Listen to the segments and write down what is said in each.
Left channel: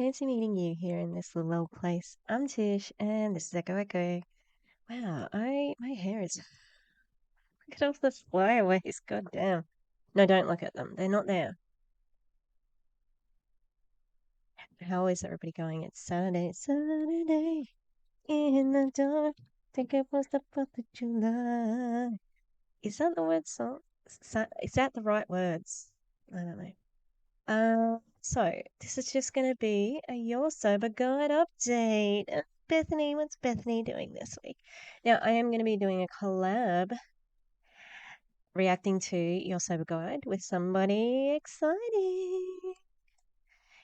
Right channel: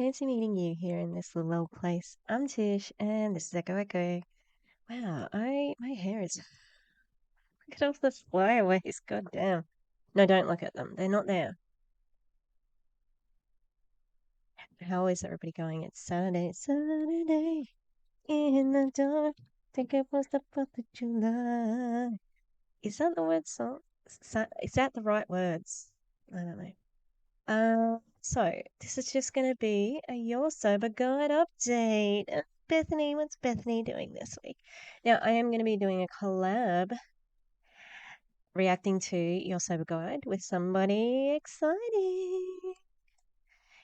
fancy meeting you here in this little old place. I'm Tish, and this is Echo Echo. Wow, my hair is. Look at all the flyaways. God damn. No, don't look at them. They're not there. How is everybody going? It's Saturday. Saturday in the dark. Think it was the 4th of July. Is that the word song? Is that the right words? I don't know. So this is just going to be a Your Sober Guide update. Bethany, what's Bethany doing this week? Now, I am going to be doing a collab reacting to Your Sober Guide with somebody exciting.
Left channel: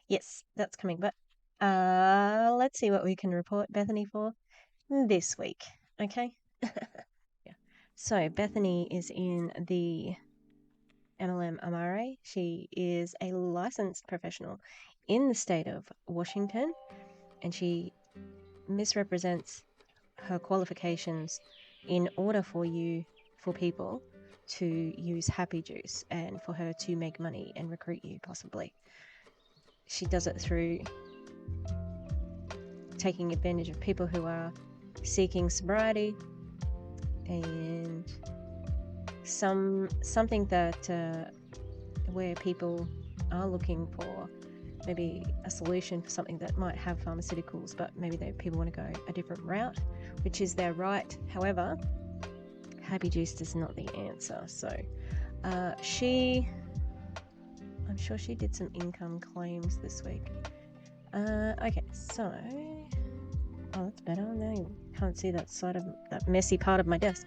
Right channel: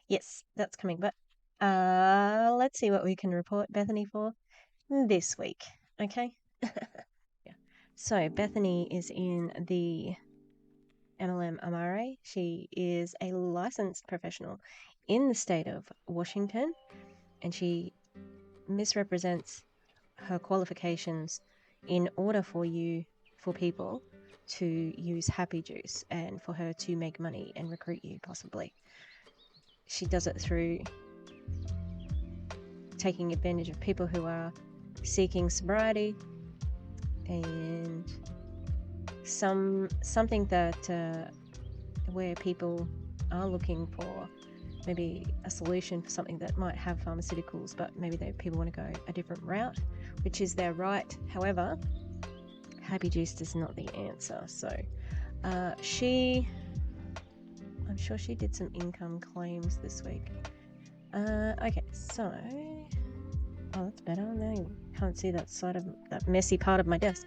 Yes, that's coming, but let's see what we can report Bethany for this week, okay? Yeah. So Bethany is in the MLM Amare. She is a licensed professional in the state of Washington, and she misrepresents her qualifications in order for people to use happy juice and for her to make money and recruit you, possibly. She does it through taking advantage of people who are seeking sobriety and something that where people are looking for maybe a solution for something that might have pharmaceuticals, but maybe people want to go a different route, which is their right. However, happy juice is not the answer. So I'm sure she did some income claims this week. Okay, so that's better. Now you can't see that side of that messy part of my desk.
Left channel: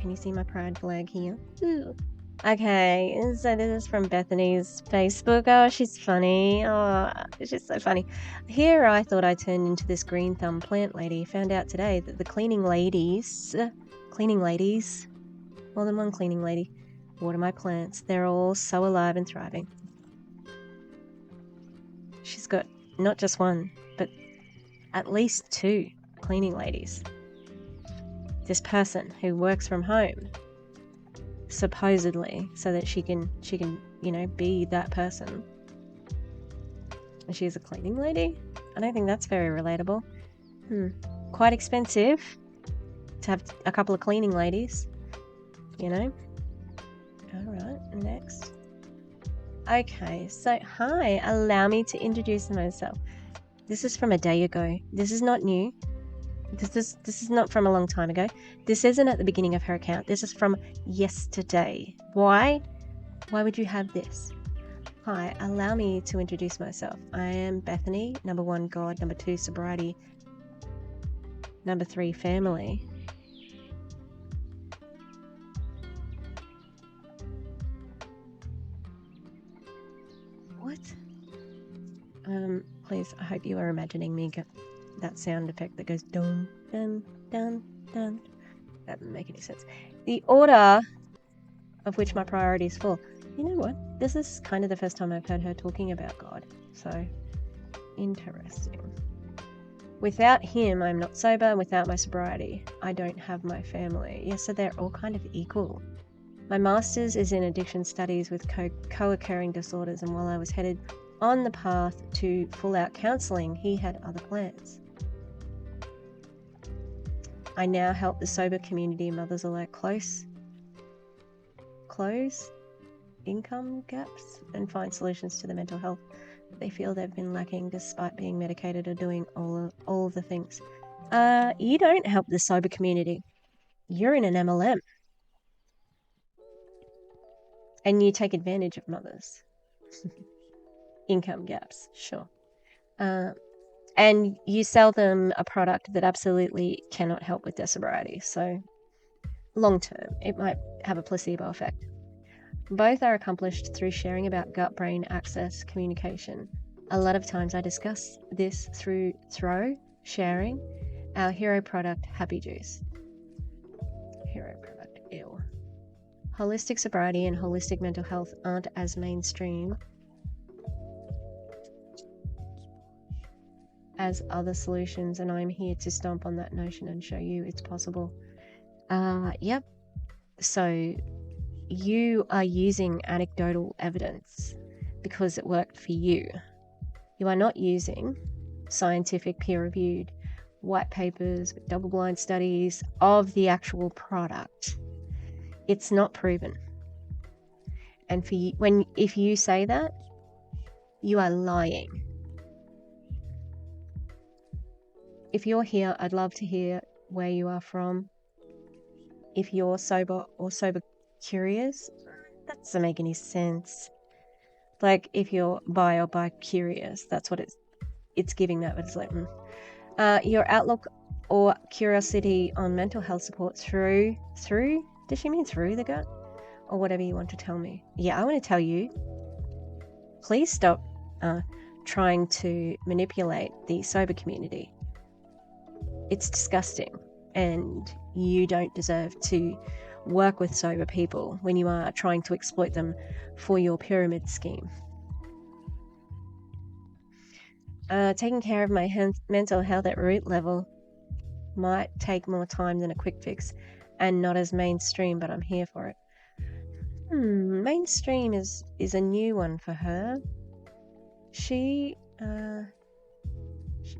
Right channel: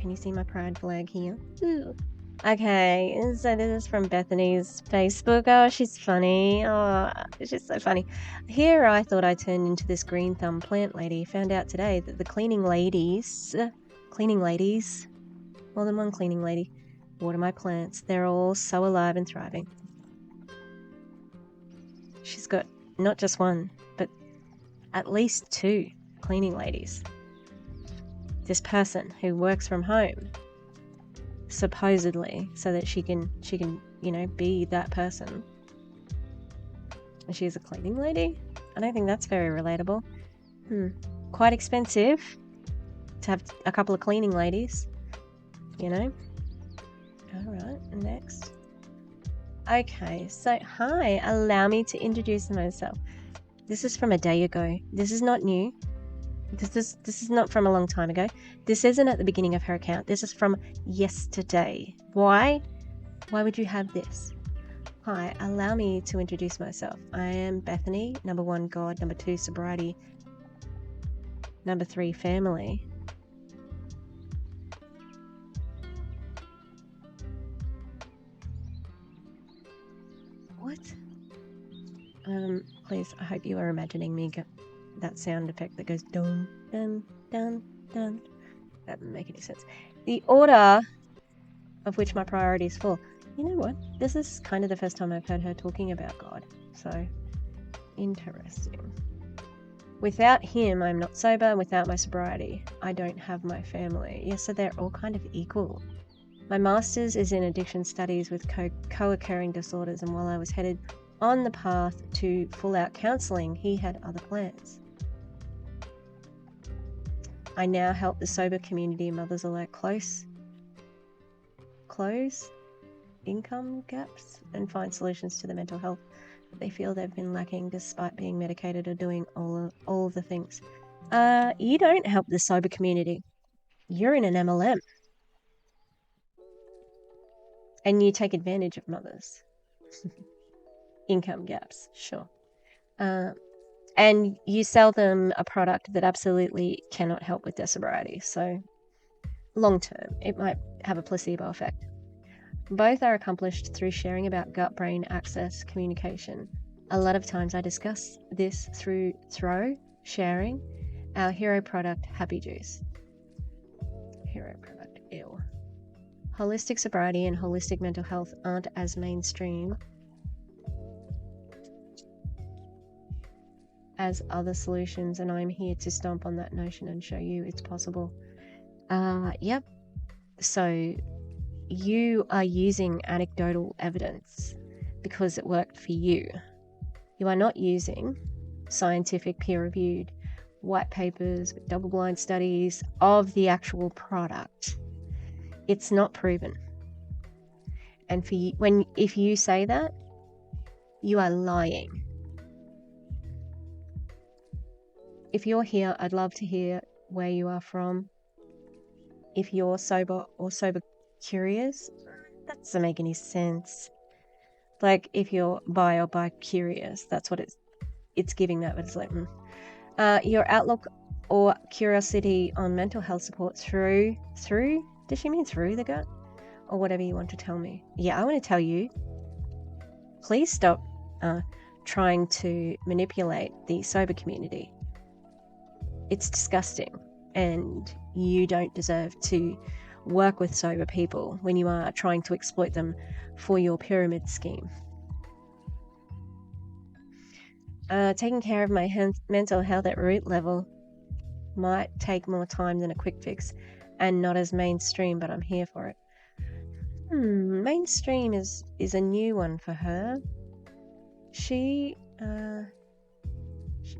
Can you see my pride flag here? Ooh. Okay, so this is from Bethany's Facebook. Oh, she's funny. Oh, she's so funny. Here I thought I turned into this green thumb plant lady. Found out today that the cleaning ladies, more than one cleaning lady, water my plants. They're all so alive and thriving. She's got not just one, but at least 2 cleaning ladies. This person who works from home, supposedly, so that she can be that person. And she's a cleaning lady? I don't think that's very relatable. Quite expensive to have a couple of cleaning ladies, Alright, next. Okay, so hi, allow me to introduce myself. This is from a day ago. This is not new. This is not from a long time ago. This isn't at the beginning of her account. This is from yesterday. Why? Why would you have this? Hi, allow me to introduce myself. I am Bethany. Number 1, God. Number 2, sobriety. Number 3, family. What? Please, I hope you are imagining me get that sound effect that goes dun, dun, dun, dun. That doesn't make any sense. The order of which my priorities fall. You know what? This is kind of the first time I've heard her talking about God. So, interesting. Without him, I'm not sober. Without my sobriety, I don't have my family. Yeah, so they're all kind of equal. My master's is in addiction studies with co-occurring disorders, and while I was headed on the path to full-out counselling, he had other plans. I now help the sober community mothers alike close income gaps and find solutions to the mental health that they feel they've been lacking despite being medicated or doing all of the things. You don't help the sober community. You're in an MLM. And you take advantage of mothers. Income gaps, sure. And you sell them a product that absolutely cannot help with their sobriety. So long term, it might have a placebo effect. Both are accomplished through sharing about gut-brain axis communication. A lot of times I discuss this through sharing our hero product, Happy Juice. Hero product, ew. Holistic sobriety and holistic mental health aren't as mainstream as other solutions, and I'm here to stomp on that notion and show you it's possible. Yep. So you are using anecdotal evidence because it worked for you. You are not using scientific peer-reviewed white papers with double-blind studies of the actual product. It's not proven. And if you say that, you are lying. If you're here, I'd love to hear where you are from. If you're sober or sober curious, that doesn't make any sense. Like if you're bi or bi-curious, that's what it's giving that, but it's like, your outlook or curiosity on mental health support through, does she mean through the gut? Or whatever you want to tell me. Yeah, I want to tell you, please stop trying to manipulate the sober community. It's disgusting, and you don't deserve to work with sober people when you are trying to exploit them for your pyramid scheme. Taking care of my mental health at root level might take more time than a quick fix and not as mainstream, but I'm here for it. Mainstream is a new one for her.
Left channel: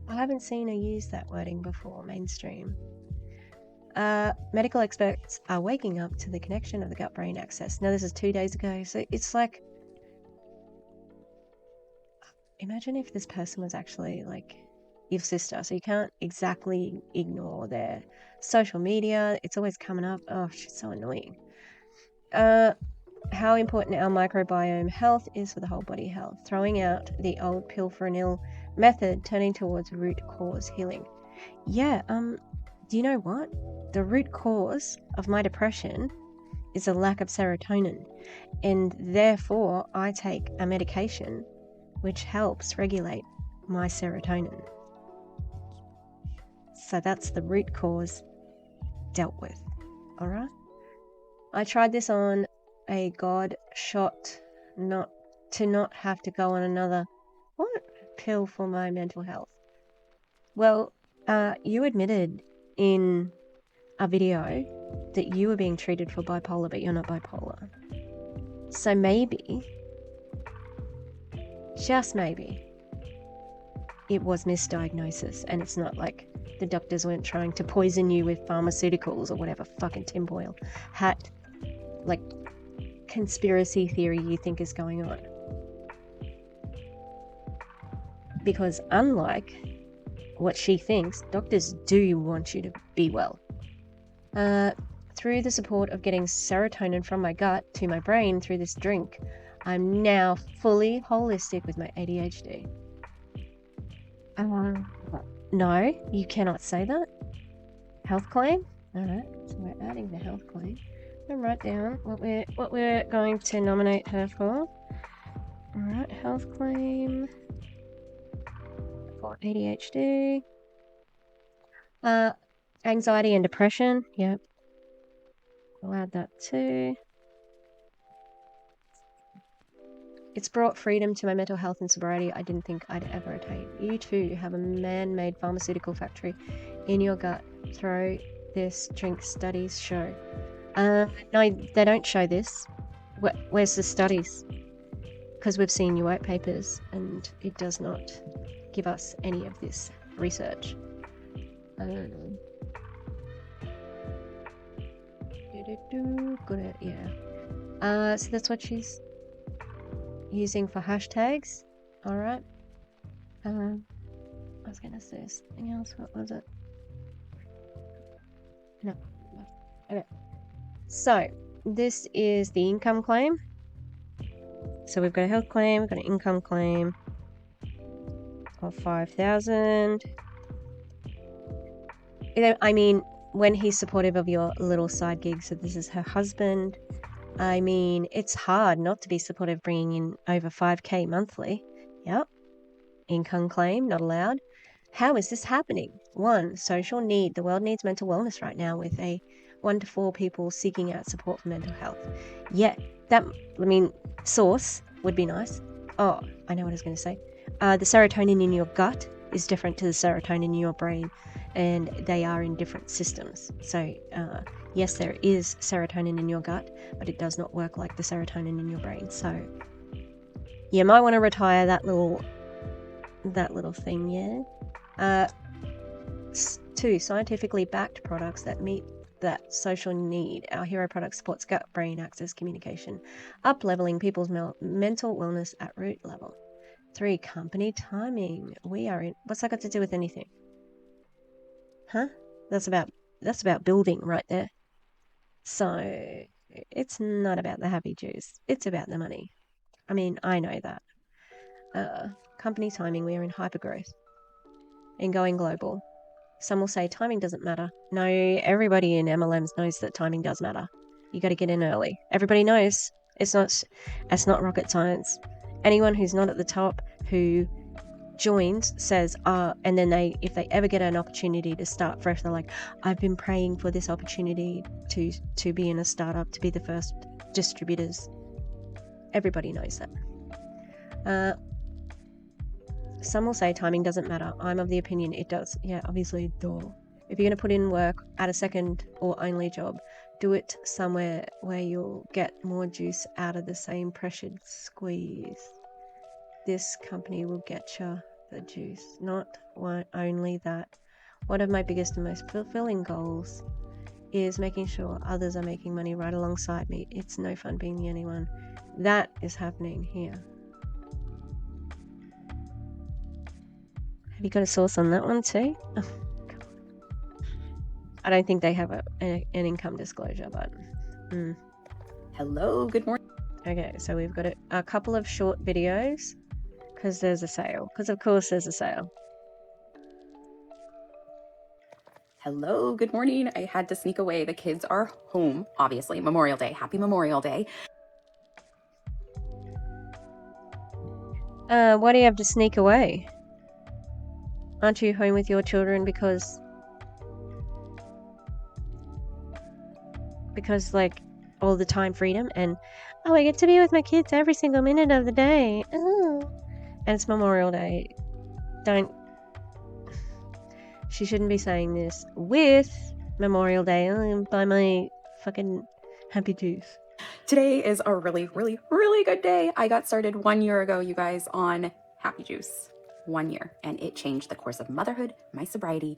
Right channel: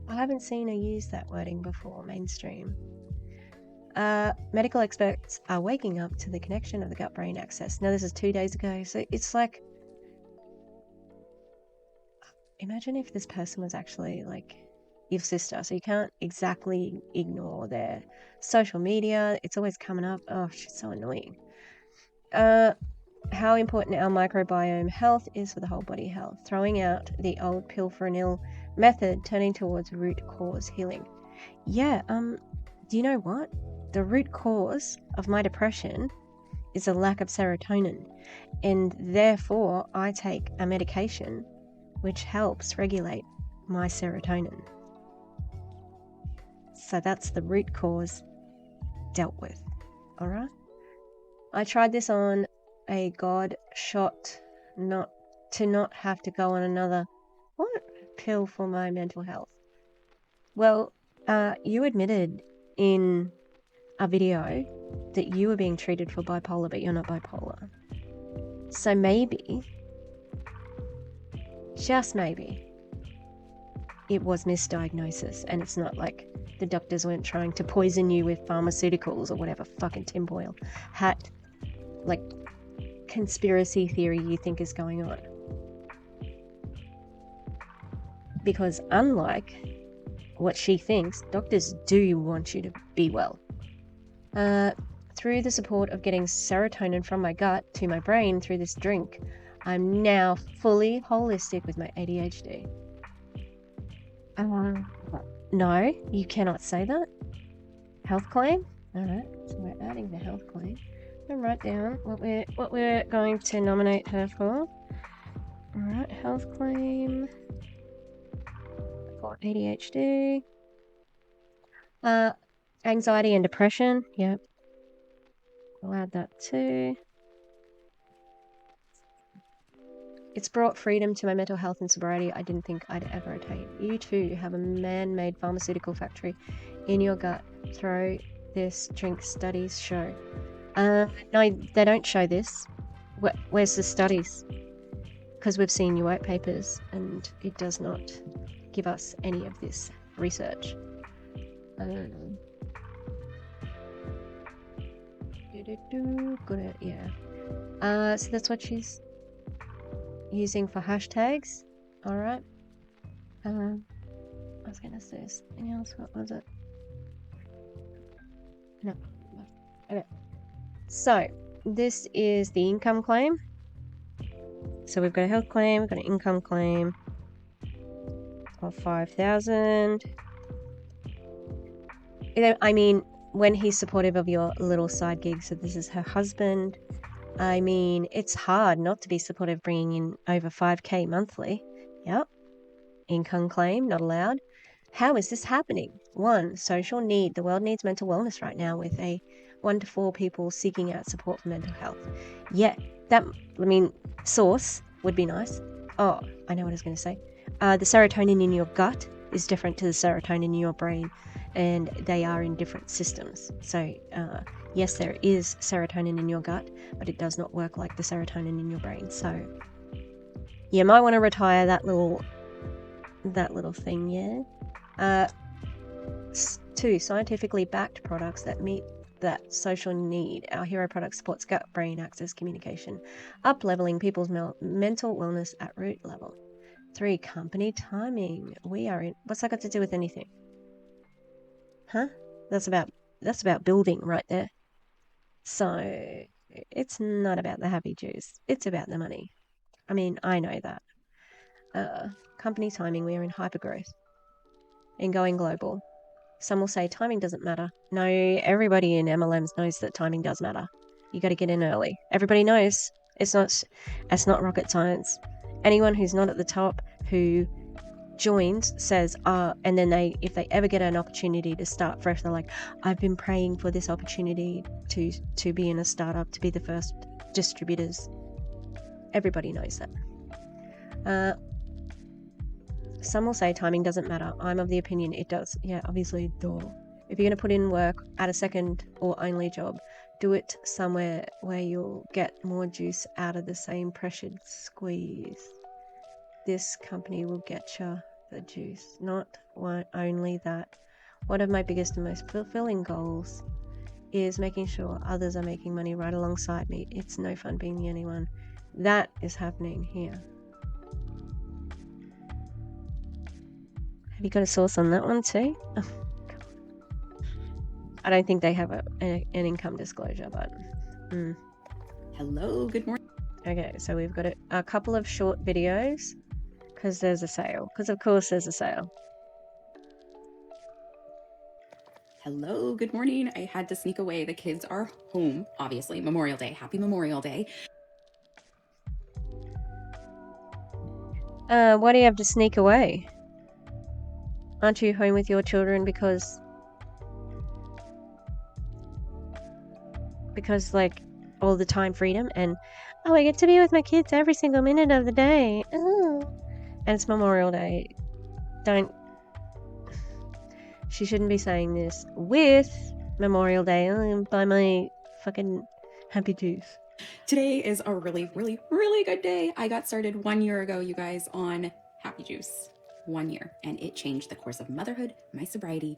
I haven't seen her use that wording before, mainstream. Medical experts are waking up to the connection of the gut-brain axis. Now, this is 2 days ago, so it's like, imagine if this person was actually like your sister, so you can't exactly ignore their social media. It's always coming up. Oh, she's so annoying. How important our microbiome health is for the whole body health. Throwing out the old pill for an ill method, turning towards root cause healing. Yeah, do you know what? The root cause of my depression is a lack of serotonin, and therefore I take a medication which helps regulate my serotonin. So that's the root cause dealt with, alright? I tried this on a God shot not have to go on another pill for my mental health. Well, you admitted in a video that you were being treated for bipolar, but you're not bipolar. So maybe, just maybe, it was misdiagnosis, and it's not like the doctors weren't trying to poison you with pharmaceuticals or whatever fucking tinfoil hat, like, conspiracy theory you think is going on. Because unlike what she thinks, doctors do want you to be well. Through the support of getting serotonin from my gut to my brain through this drink, I'm now fully holistic with my ADHD. No, you cannot say that. Health claim? Alright, so we're adding the health claim. And write down what we're going to nominate her for. Alright, health claim for ADHD. Anxiety and depression. Yep. I'll add that too. It's brought freedom to my mental health and sobriety I didn't think I'd ever attain. You too have a man-made pharmaceutical factory in your gut. Throw this drink studies show. No, they don't show this. Where's the studies? Because we've seen your white papers and it does not give us any of this research. Good, yeah. So that's what she's using for hashtags. Alright. I was gonna say something else. What was it? No. Okay. So, this is the income claim. So we've got a health claim, we've got an income claim of 5,000. I mean, when he's supportive of your little side gig, so this is her husband. I mean, it's hard not to be supportive bringing in over 5k monthly. Yep. Income claim, not allowed. How is this happening? 1, social need. The world needs mental wellness right now with 1 to 4 people seeking out support for mental health. Yeah, source would be nice. Oh, I know what I was going to say. The serotonin in your gut is different to the serotonin in your brain, and they are in different systems. So, yes, there is serotonin in your gut, but it does not work like the serotonin in your brain. So, you might want to retire that little that little thing, yeah. 2, scientifically backed products that meet that social need. Our hero product supports gut-brain axis communication, up-leveling people's mental wellness at root level. 3, company timing. We are in. What's that got to do with anything? Huh? That's about building right there. So it's not about the happy juice. It's about the money. I mean, I know that. Company timing. We are in hypergrowth. In going global. Some will say timing doesn't matter. No, everybody in MLMs knows that timing does matter. You got to get in early. Everybody knows. It's not rocket science. Anyone who's not at the top who joins says, and then if they ever get an opportunity to start fresh, they're like, I've been praying for this opportunity to be in a startup, to be the first distributors. Everybody knows that. Some will say timing doesn't matter. I'm of the opinion it does. Yeah, obviously, duh. If you're going to put in work at a second or only job, do it somewhere where you'll get more juice out of the same pressured squeeze. This company will get you the juice. Not only that. One of my biggest and most fulfilling goals is making sure others are making money right alongside me. It's no fun being the only one. That is happening here. Have you got a source on that one too? Oh, God. I don't think they have an income disclosure, but... Hello, good morning. Okay, so we've got a couple of short videos, because there's a sale. Because of course there's a sale. Hello, good morning. I had to sneak away. The kids are home, obviously. Memorial Day. Happy Memorial Day. Why do you have to sneak away? Aren't you home with your children because like all the time freedom and I get to be with my kids every single minute of the day. Oh. And it's Memorial Day. She shouldn't be saying this with Memorial Day. Buy my fucking happy juice. Today is a really, really, really good day. I got started 1 year ago, you guys, on Happy Juice. 1 year, and it changed the course of motherhood, my sobriety,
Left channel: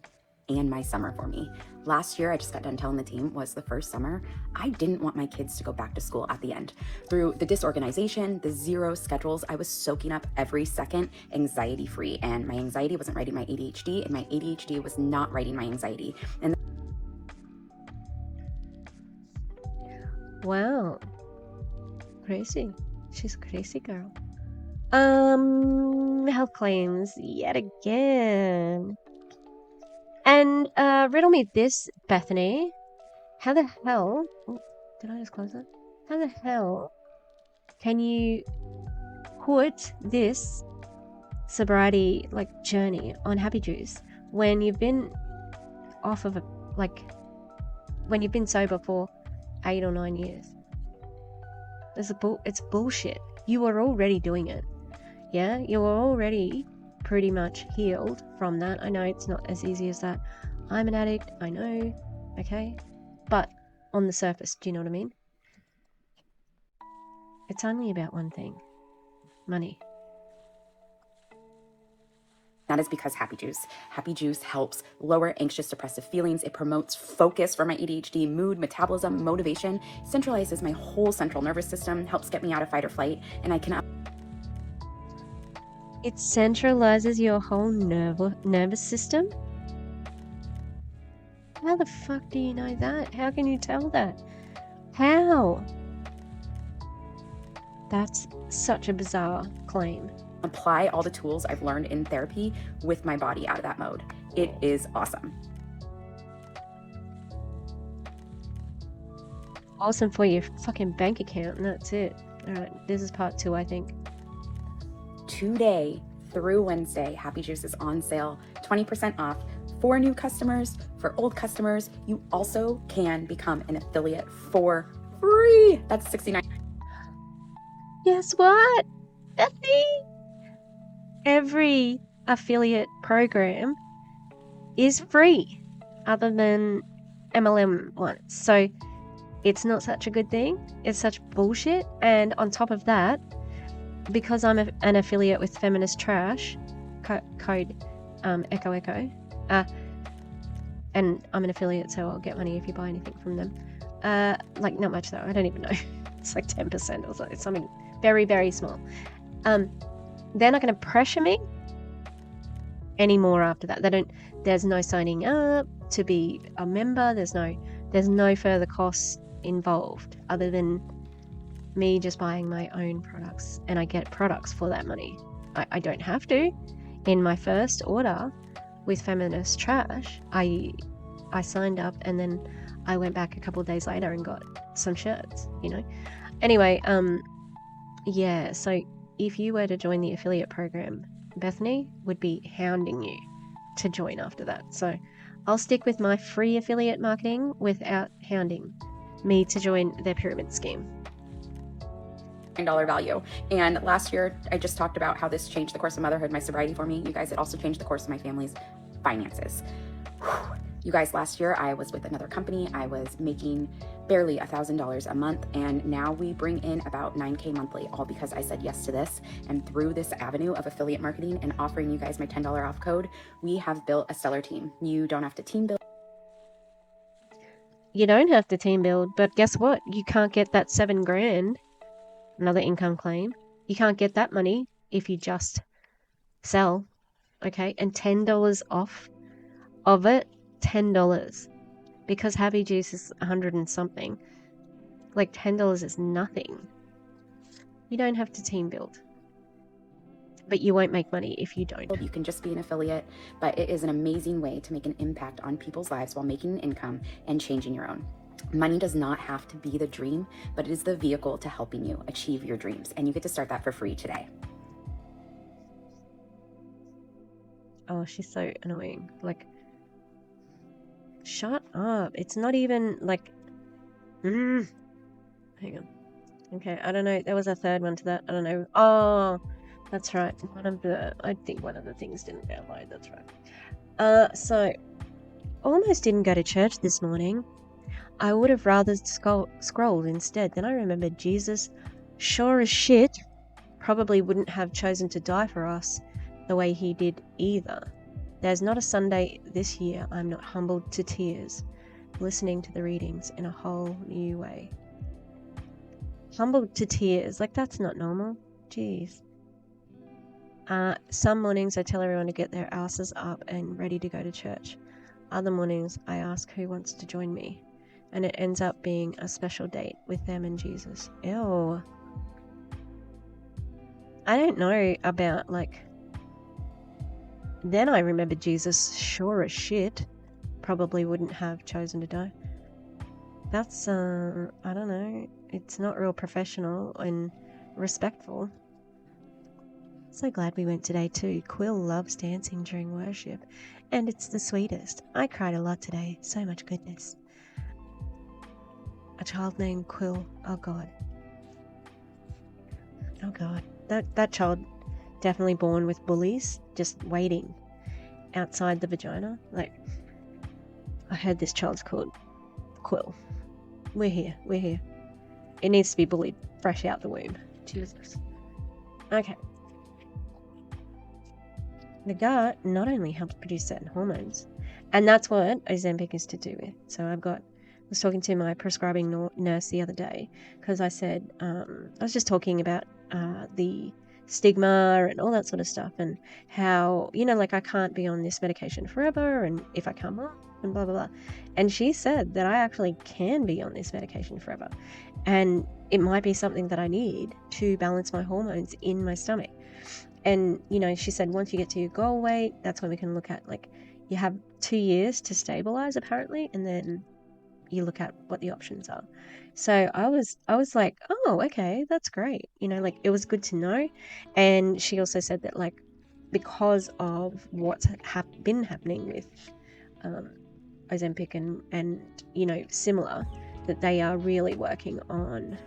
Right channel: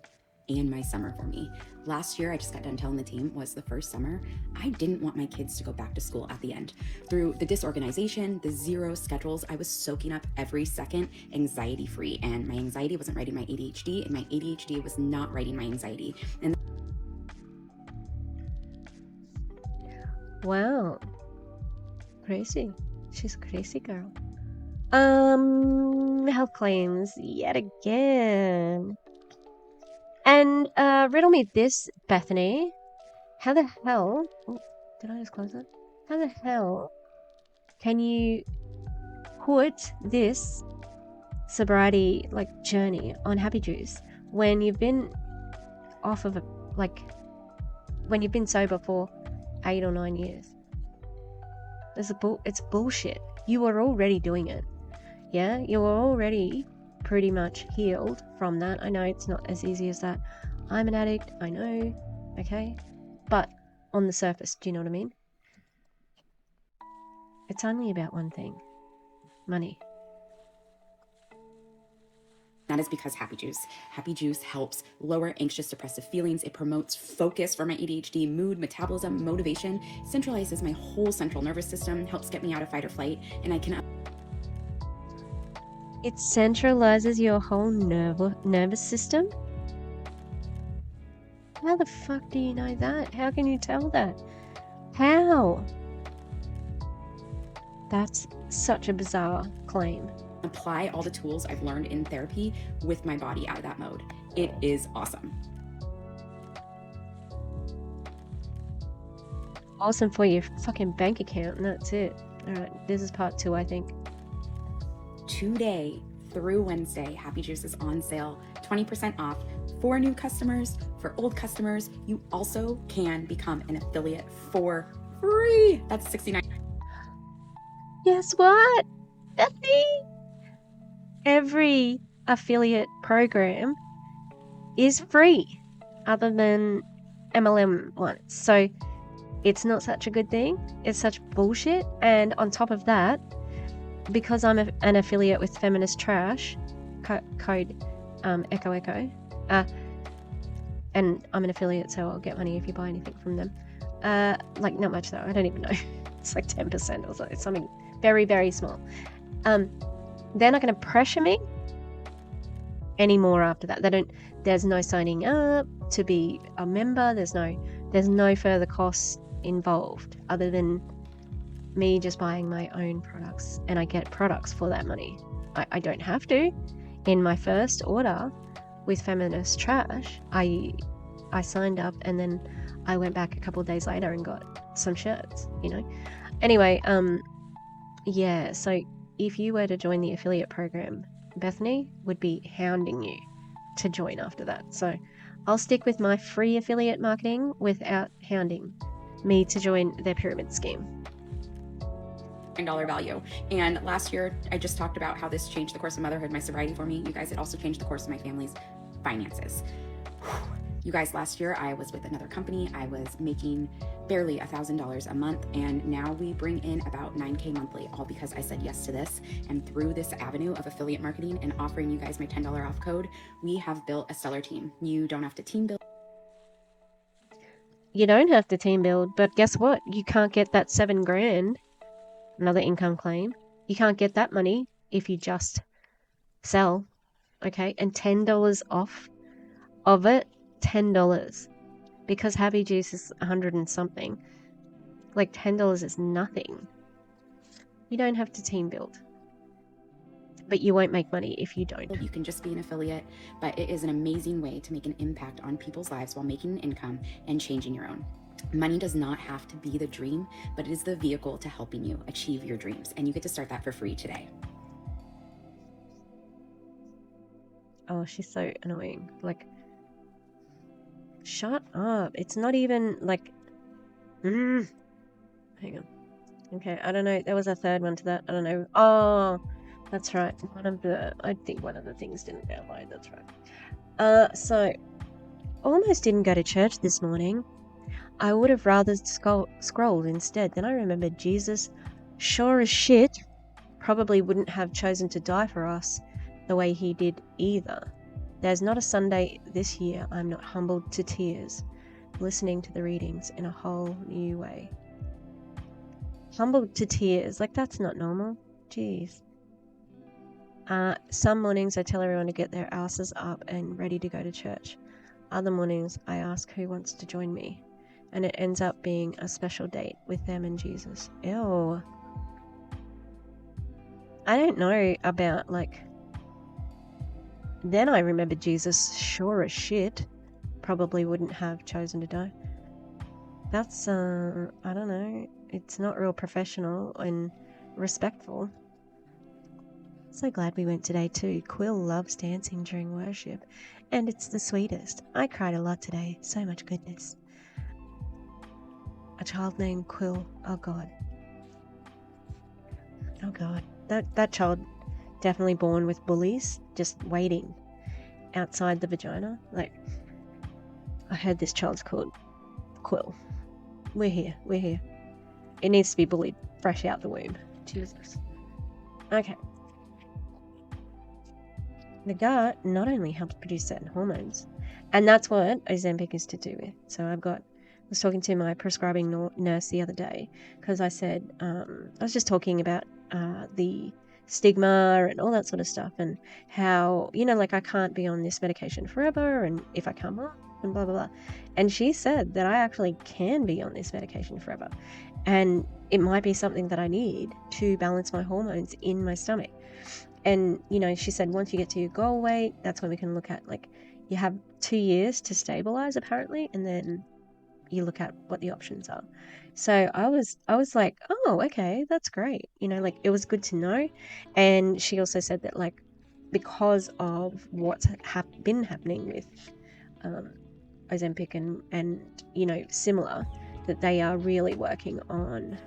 and my summer for me. Last year, I just got done telling the team, was the first summer. I didn't want my kids to go back to school at the end. Through the disorganization, the zero schedules, I was soaking up every second anxiety-free, and my anxiety wasn't writing my ADHD, and my ADHD was not writing my anxiety. And wow. Crazy. She's a crazy girl. Health claims yet again. And riddle me this, Bethany. How the hell... Oh, did I just close that? How the hell can you put this sobriety journey on Happy Juice when you've been off of when you've been sober for 8 or 9 years? It's bullshit. You were already doing it. Yeah, you were already pretty much healed from that. I know it's not as easy as that. I'm an addict, I know, okay? But on the surface, do you know what I mean? It's only about one thing. Money. that is because Happy Juice. Happy Juice helps lower anxious, depressive feelings. It promotes focus for my ADHD, mood, metabolism, motivation, centralizes my whole central nervous system, helps get me out of fight or flight, and I can... It centralizes your whole nervous system? How the fuck do you know that? How can you tell that? How? That's such a bizarre claim. Apply all the tools I've learned in therapy with my body out of that mode. It is awesome. Awesome for your fucking bank account, and that's it. Alright, this is part 2, I think. Today through Wednesday, Happy Juice is on sale, 20% off for new customers. For old customers, you also can become an affiliate for free. That's $69. Guess what? Every affiliate program is free, other than MLM ones. So it's not such a good thing. It's such bullshit. And on top of that, because I'm an affiliate with Feminist Trash, code Echo Echo. And I'm an affiliate, so I'll get money if you buy anything from them. Like, not much though, I don't even know. It's like 10% or something. It's something very, very small. They're not going to pressure me anymore after that. There's no signing up to be a member. There's no further costs involved other than me just buying my own products, and I get products for that money. I don't have to. In my first order with Feminist Trash, I signed up, and then I went back a couple of days later and got some shirts, Anyway, yeah, so if you were to join the affiliate program, Bethany would be hounding you to join after that. So I'll stick with my free affiliate marketing without hounding me to join the pyramid scheme. $9 value. And last year, I just talked about how this changed the course of motherhood, my sobriety for me. You guys, it also changed the course of my family's finances. You guys, last year I was with another company. I was making barely $1,000 a month, and now we bring in about $9K monthly, all because I said yes to this. And through this avenue of affiliate marketing and offering you guys my $10 off code, we have built a stellar team. You don't have to team build. You don't have to team build, but guess what? You can't get that $7,000, another income claim. You can't get that money if you just sell, okay? And $10 off of it, $10, because Happy Juice is 100 and something. Like $10 is nothing. You don't have to team build, but you won't make money if you don't. You can just be an affiliate, but it is an amazing way to make an impact on people's lives while making an income and changing your own. Money does not have to be the dream, but it is the vehicle to helping you achieve your dreams, and you get to start that for free today. Oh, she's so annoying. Like, shut up. It's not even like... Hang on. Okay, I don't know. There was a third one to that. I don't know. Oh, that's right. I think one of the things didn't download. That's right. So, almost didn't go to church this morning. I would have rather scrolled instead. Then I remembered Jesus, sure as shit, probably wouldn't have chosen to die for us the way he did either. There's not a Sunday this year I'm not humbled to tears, listening to the readings in a whole new way. Humbled to tears, like that's not normal. Jeez. Some mornings I tell everyone to get their asses up and ready to go to church. Other mornings I ask who wants to join me, and it ends up being a special date with them and Jesus. Ew. I don't know about, like... Then I remembered Jesus, sure as shit, probably wouldn't have chosen to die. That's, I don't know. It's not real professional and respectful. So glad we went today too. Quill loves dancing during worship, and it's the sweetest. I cried a lot today. So much goodness. A child named Quill. Oh God. Oh God. That child definitely born with bullies, just waiting outside the vagina. Like, I heard this child's called Quill. We're here. It needs to be bullied fresh out the womb. Jesus. Okay. The gut not only helps produce certain hormones, and that's what Ozempic is to do with. So I was talking to my prescribing nurse the other day, because I said, I was just talking about the stigma and all that sort of stuff, and how, like I can't be on this medication forever, and if I come off, and blah, blah, blah. And she said that I actually can be on this medication forever, and it might be something that I need to balance my hormones in my stomach. And, she said once you get to your goal weight, that's when we can look at, like, you have 2 years to stabilize apparently, and then you look at what the options are. So I was like, oh, okay, that's great. Like, it was good to know. And she also said that, like, because of what's been happening with Ozempic and similar, that they are really working on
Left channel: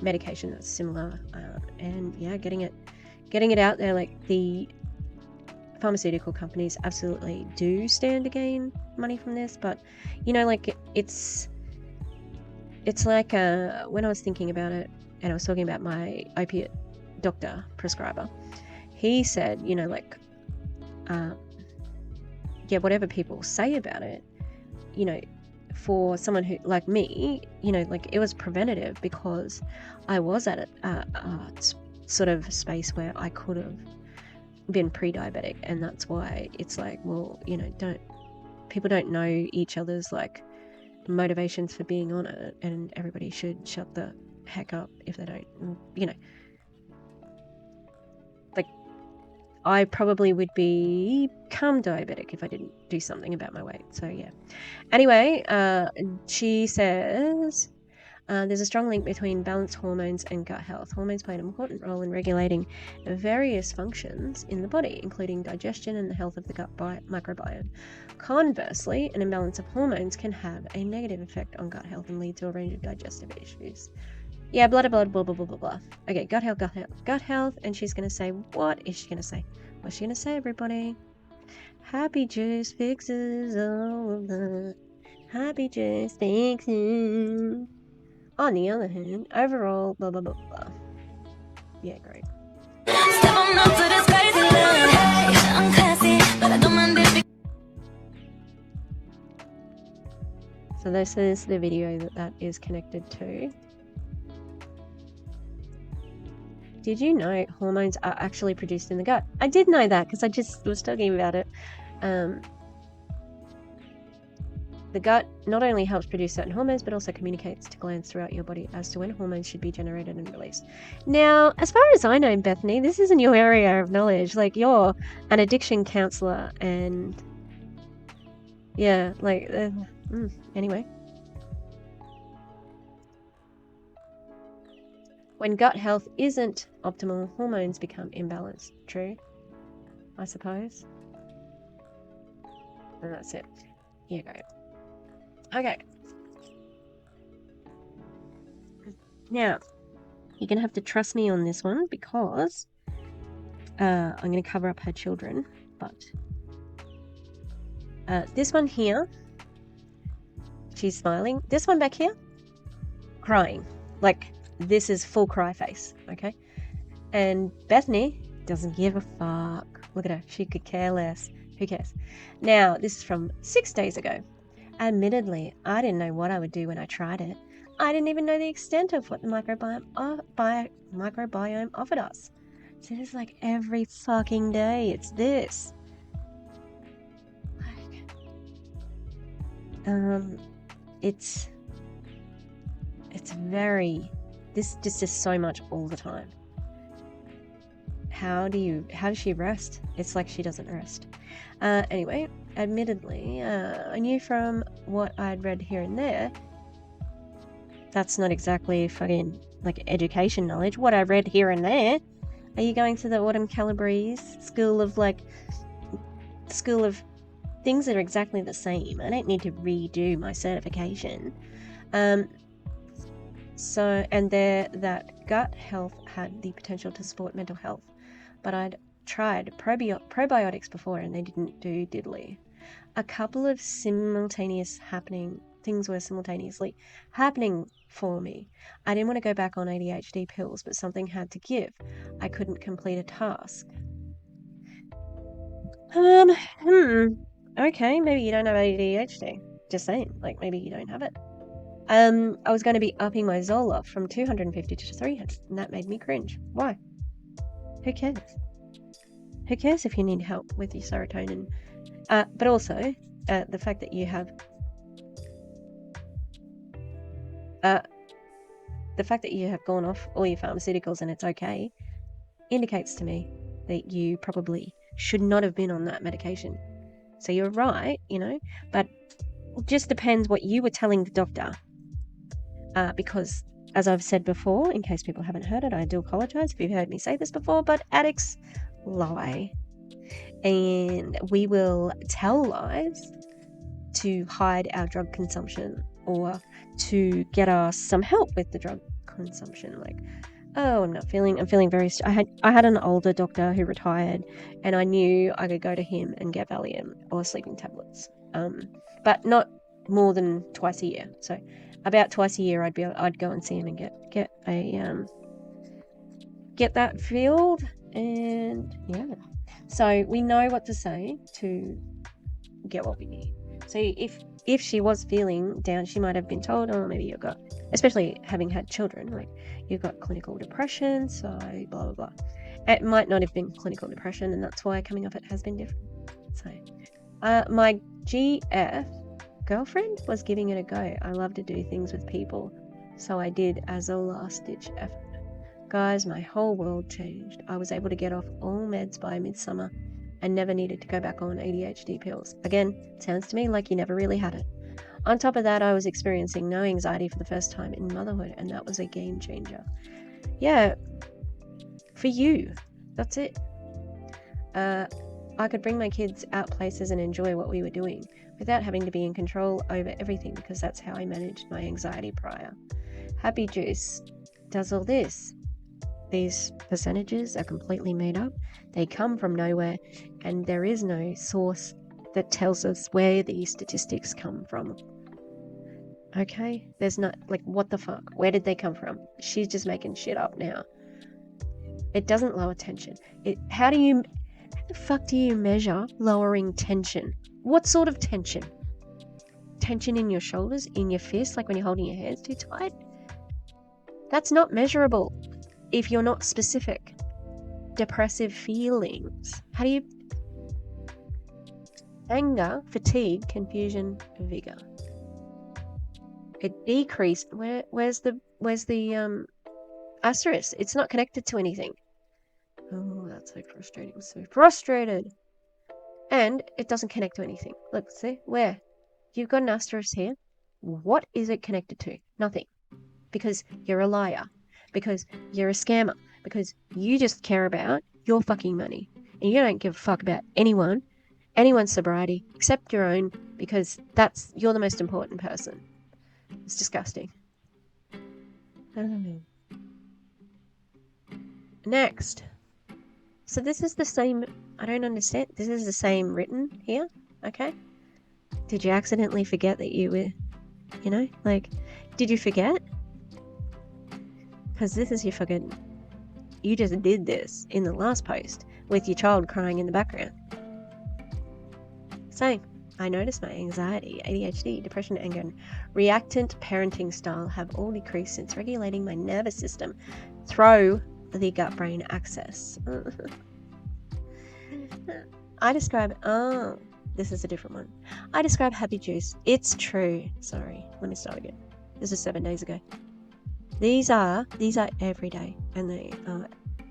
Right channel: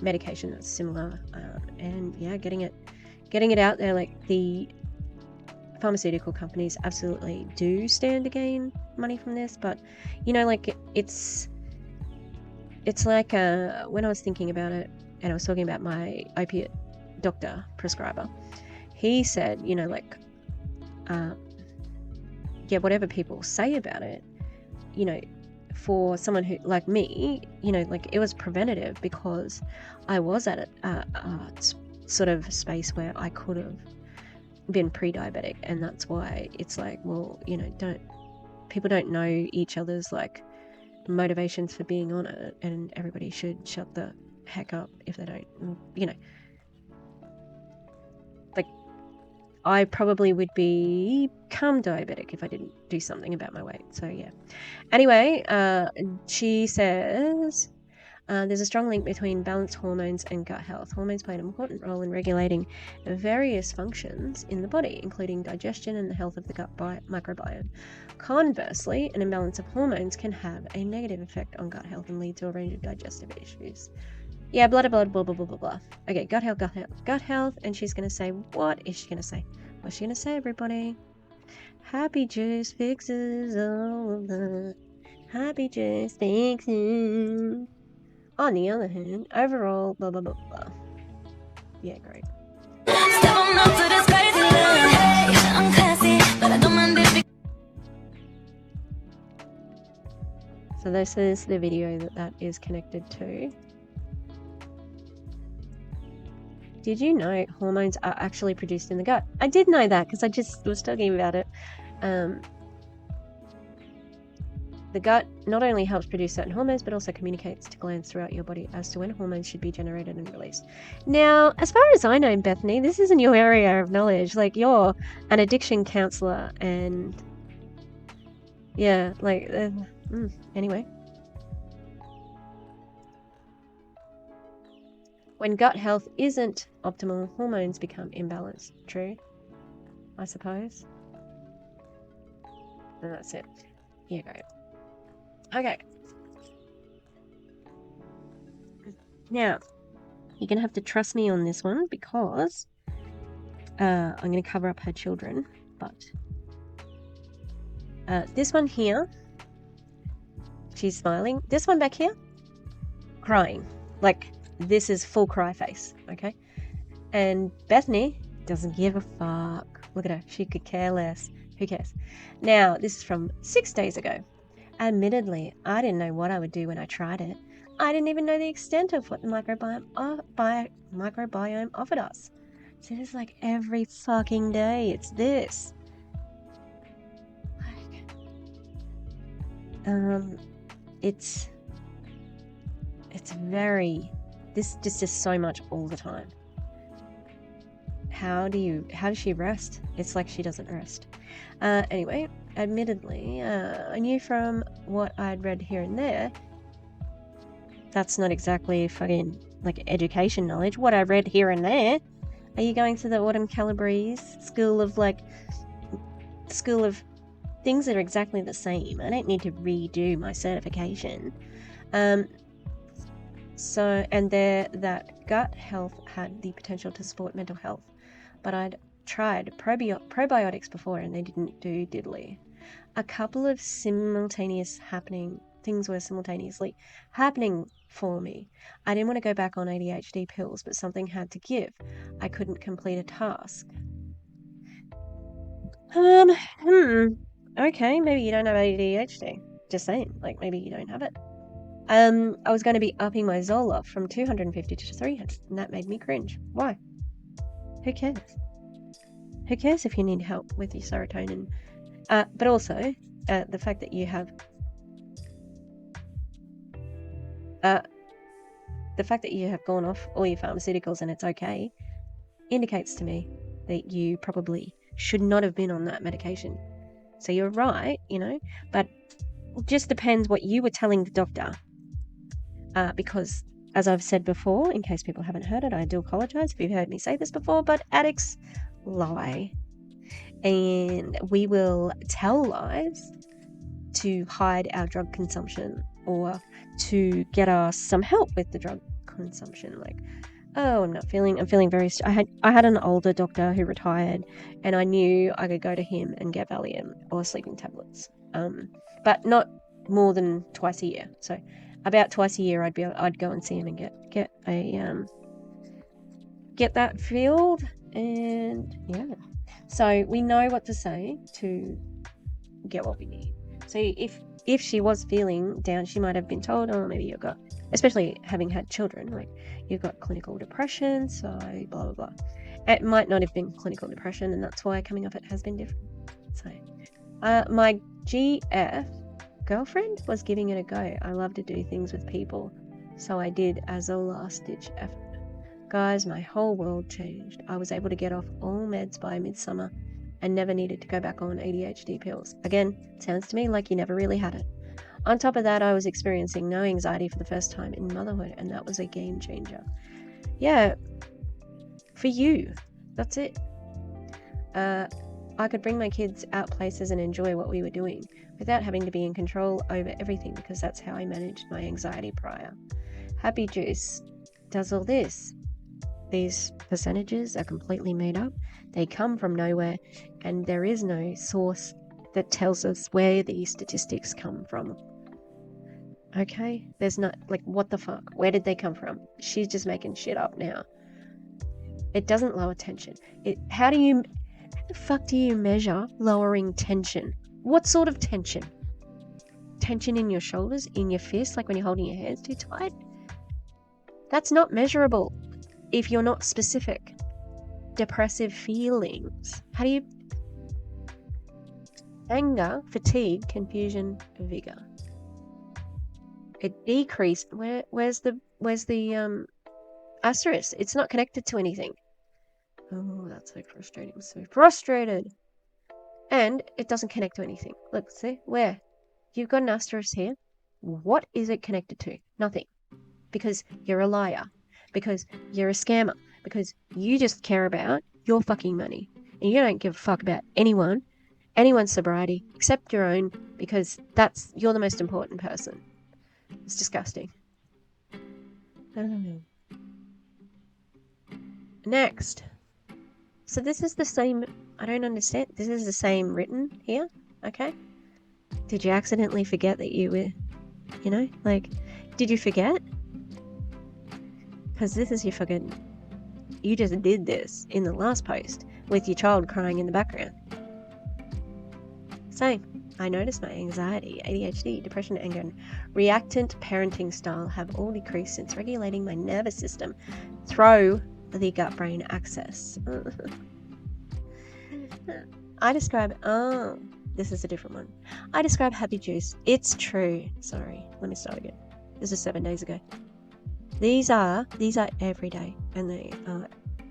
medication that's similar, and yeah, getting it out there. Like, the pharmaceutical companies absolutely do stand to gain money from this, but like, it's like when I was thinking about it, and I was talking about my opiate doctor prescriber, he said, whatever people say about it, for someone who, like me, it was preventative because I was at a sort of space where I could have been pre-diabetic, and that's why it's like, well, people don't know each other's like motivations for being on it, and everybody should shut the heck up if they don't, like, I probably would become diabetic if I didn't do something about my weight. So yeah. Anyway, she says there's a strong link between balanced hormones and gut health. Hormones play an important role in regulating various functions in the body, including digestion and the health of the gut microbiome. Conversely, an imbalance of hormones can have a negative effect on gut health and lead to a range of digestive issues. Yeah, blah, blah, blah, blah, blah, blah, blah. Okay, gut health. And she's going to say, what is she going to say? What's she going to say, everybody? Happy juice fixes all of that. Happy juice fixes. On the other hand, overall, blah, blah, blah, blah. Yeah, great. So this is the video that is connected to. Did you know hormones are actually produced in the gut? I did know that because I just was talking about it. The gut not only helps produce certain hormones, but also communicates to glands throughout your body as to when hormones should be generated and released. Now, as far as I know, Bethany, this isn't your area of knowledge. Like, you're an addiction counselor, and yeah, like, anyway. When gut health isn't optimal, hormones become imbalanced. True, I suppose. And that's it. Here you go. Okay. Now, you're going to have to trust me on this one because I'm going to cover up her children. But this one here, she's smiling. This one back here, crying. Like, this is full cry face, okay? And Bethany doesn't give a fuck. Look at her. She could care less. Who cares? Now, this is from 6 days ago. Admittedly, I didn't know what I would do when I tried it. I didn't even know the extent of what the microbiome offered us. So it's like every fucking day, it's this. It's very... This just is so much all the time. How does she rest? It's like she doesn't rest. Anyway, admittedly, I knew from what I'd read here and there, that's not exactly fucking like education knowledge. What I read here and there. Are you going to the Autumn Calabrese school of things that are exactly the same? I don't need to redo my certification. That gut health had the potential to support mental health, but I'd tried probiotics before and they didn't do diddly. A couple of things were simultaneously happening for me. I didn't want to go back on ADHD pills, but something had to give. I couldn't complete a task. Okay, maybe you don't have ADHD. Just saying, like, maybe you don't have it. I was going to be upping my Zoloft from 250 to 300, and that made me cringe. Why? Who cares? Who cares if you need help with your serotonin? But also, the fact that you have... the fact that you have gone off all your pharmaceuticals and it's okay indicates to me that you probably should not have been on that medication. So you're right, but it just depends what you were telling the doctor. Because, as I've said before, in case people haven't heard it, I do apologise if you've heard me say this before, but addicts lie. And we will tell lies to hide our drug consumption or to get us some help with the drug consumption. Like, I'm feeling very... I had an older doctor who retired, and I knew I could go to him and get Valium or sleeping tablets. But not more than twice a year. So about twice a year I'd go and see him and get that filled, And yeah, so we know what to say to get what we need. So if she was feeling down, she might have been told, oh, maybe you've got, especially having had children, like you've got clinical depression, so blah blah blah. It might not have been clinical depression, and that's why coming off it has been different. So my GF girlfriend was giving it a go. I love to do things with people, so I did as a last ditch effort. Guys, my whole world changed. I was able to get off all meds by midsummer and never needed to go back on ADHD pills. Again, sounds to me like you never really had it. On top of that, I was experiencing no anxiety for the first time in motherhood, and that was a game changer. Yeah, for you, that's it. I could bring my kids out places and enjoy what we were doing without having to be in control over everything, because that's how I managed my anxiety prior. Happy Juice does all this. These percentages are completely made up. They come from nowhere, and there is no source that tells us where these statistics come from. Okay? There's not, like, what the fuck? Where did they come from? She's just making shit up now. It doesn't lower tension. How the fuck do you measure lowering tension? What sort of tension? Tension in your shoulders, in your fists, like when you're holding your hands too tight? That's not measurable if you're not specific. Depressive feelings. How do you... Anger, fatigue, confusion, vigor. It decreased. Where's the asterisk? It's not connected to anything. Oh, that's so frustrating. So frustrated. And it doesn't connect to anything. Look, see? Where? You've got an asterisk here. What is it connected to? Nothing. Because you're a liar. Because you're a scammer. Because you just care about your fucking money. And you don't give a fuck about anyone's sobriety, except your own, because you're the most important person. It's disgusting. Next. So this is the same, I don't understand. This is the same written here, okay? Did you accidentally forget that you were, did you forget? Because this is your fucking, you just did this in the last post with your child crying in the background. So, I noticed my anxiety, ADHD, depression, anger, and reactant parenting style have all decreased since regulating my nervous system through the gut-brain axis. This is a different one. I describe Happy Juice. It's true. Sorry, let me start again. This is 7 days ago. These are every day, and they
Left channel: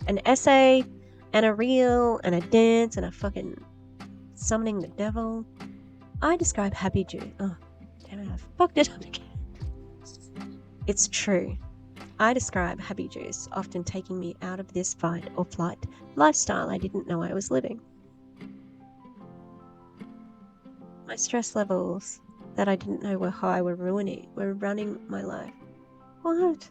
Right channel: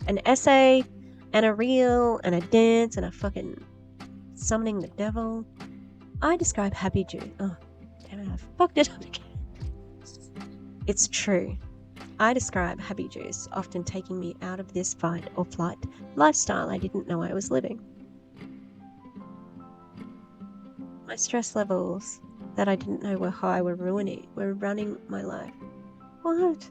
an essay, and a reel, and a dance, and a fucking summoning the devil. I describe Happy Juice. Oh, damn it, I fucked it up again. It's true. I describe Happy Juice often taking me out of this fight or flight lifestyle I didn't know I was living. My stress levels that I didn't know were high were running my life. What?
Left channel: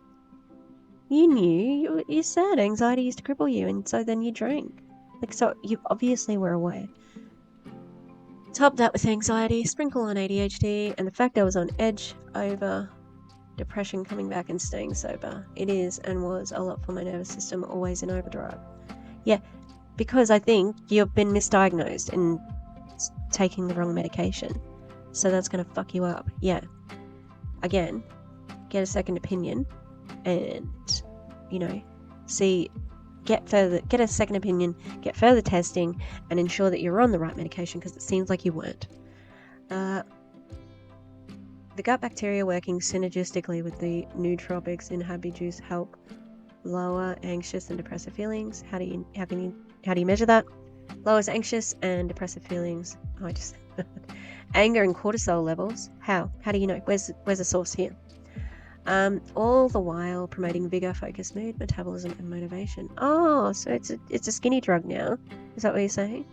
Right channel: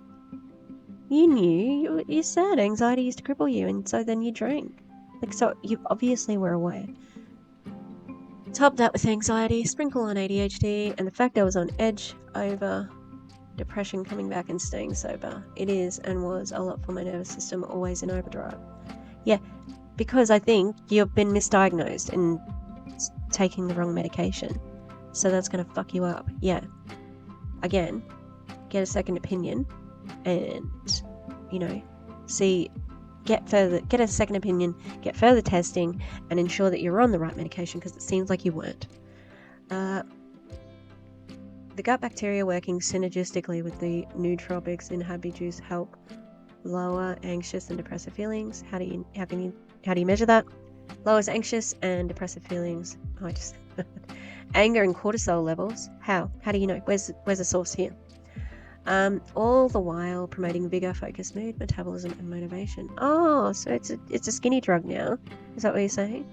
You knew, you said anxiety used to cripple you, and so then you drank. So you obviously were aware. Top that with anxiety, sprinkle on ADHD, and the fact I was on edge over depression coming back and staying sober. It is and was a lot for my nervous system, always in overdrive. Yeah, because I think you've been misdiagnosed and taking the wrong medication. So that's going to fuck you up. Yeah. Again, get a second opinion and, get a second opinion, get further testing, and ensure that you're on the right medication, because it seems like you weren't. The gut bacteria working synergistically with the nootropics in Happy Juice help lower anxious and depressive feelings. How do you measure that? Lowers anxious and depressive feelings. Anger and cortisol levels. How do you know? Where's the source here? All the while promoting vigor, focus, mood, metabolism, and motivation. Oh, so it's a skinny drug now. Is that what you're saying?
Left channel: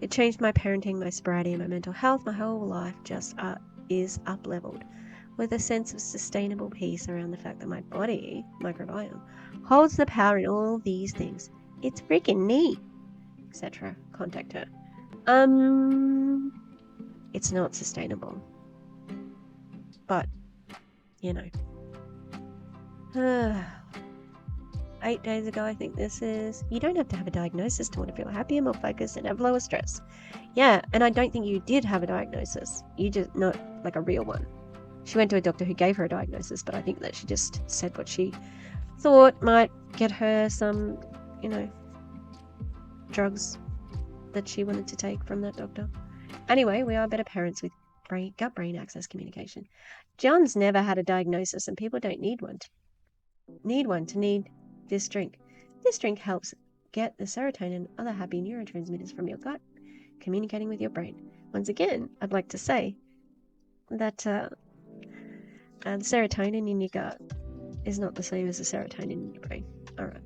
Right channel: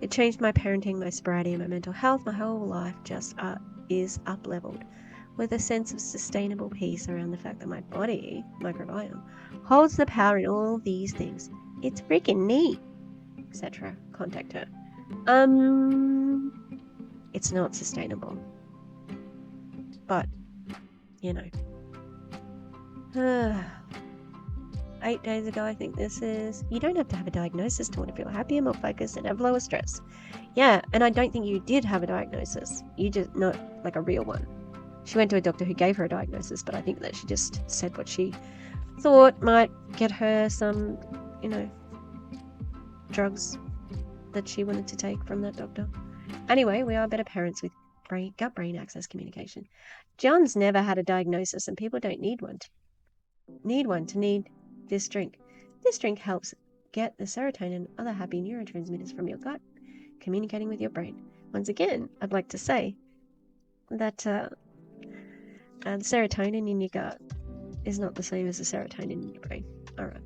It changed my parenting, my sobriety, and my mental health. My whole life just is up-leveled, with a sense of sustainable peace around the fact that my body, microbiome, holds the power in all these things. It's freaking neat, etc. Contact her. It's not sustainable. But, 8 days ago, I think this is. You don't have to have a diagnosis to want to feel happy and more focused and have lower stress. Yeah, and I don't think you did have a diagnosis. You just, not like a real one. She went to a doctor who gave her a diagnosis, but I think that she just said what she thought might get her some, drugs that she wanted to take from that doctor. Anyway, we are better parents with gut-brain axis communication. John's never had a diagnosis, and people don't need one to need this drink. This drink helps get the serotonin and other happy neurotransmitters from your gut communicating with your brain. Once again, I'd like to say that the serotonin in your gut is not the same as the serotonin in your brain. Alright.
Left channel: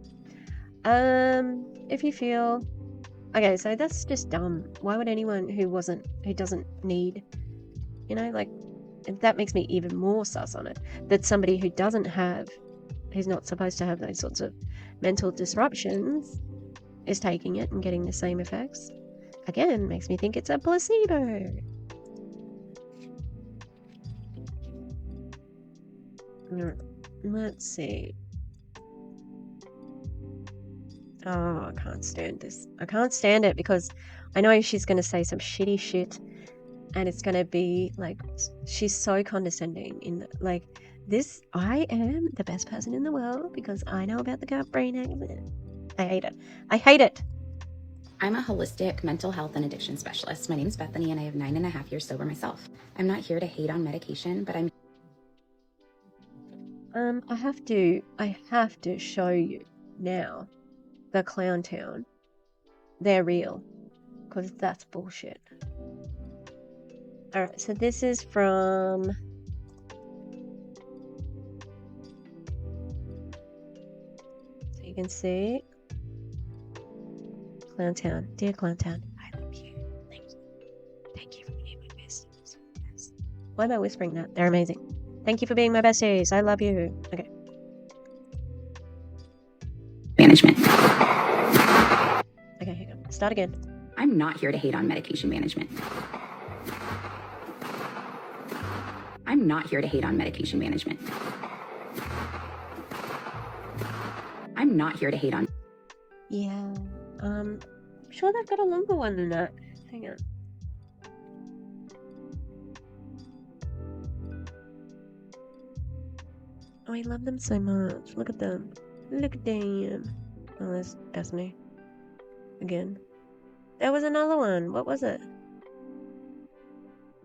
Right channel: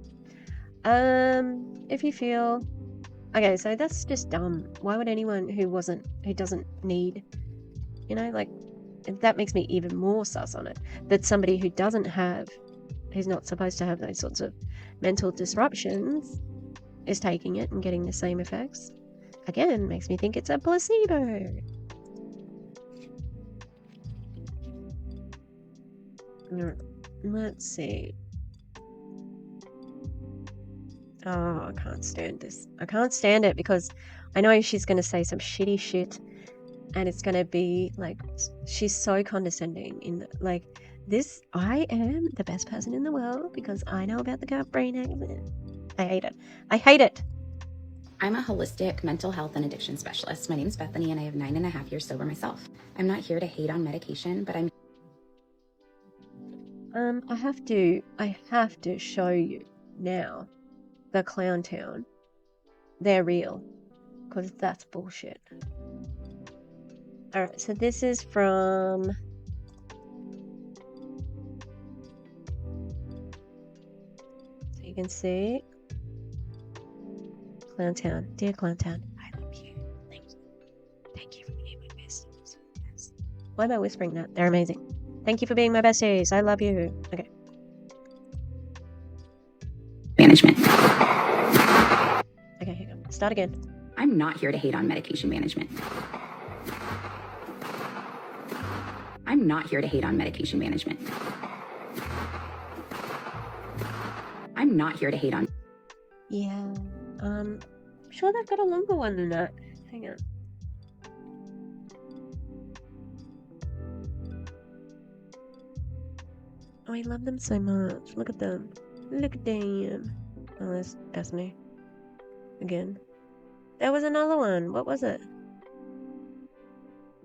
If you feel... Okay, so that's just dumb. Why would anyone who doesn't need... that makes me even more sus on it. That somebody who's not supposed to have those sorts of mental disruptions is taking it and getting the same effects. Again, makes me think it's a placebo. Let's see. Oh, I can't stand this. I can't stand it because I know she's going to say some shitty shit and it's going to be like, she's so condescending I am the best person in the world because I know about the gut-brain axis. I hate it. I hate it. I'm a holistic mental health and addiction specialist. My name is Bethany and I have 9.5 years sober myself. I'm not here to hate on medication, but I have to show you now the Clown Town. They're real. Because that's bullshit. Alright, so this is from... So you can see... Clown Town. Dear Clown Town, I love you. Thank you. Thank you for being my besties. Why am I whispering that? They're amazing. Thank you for being my besties. I love you. Okay. management. Okay, start again. I'm not here to hate on medication management. I'm not here to hate on medication management. I'm not here to hate on... Yeah, I'm sure they've got a longer one than that. Hang on. Oh, I love them so much. Look at them. Look at them. Oh, that's me. Again. There was another one. What was it?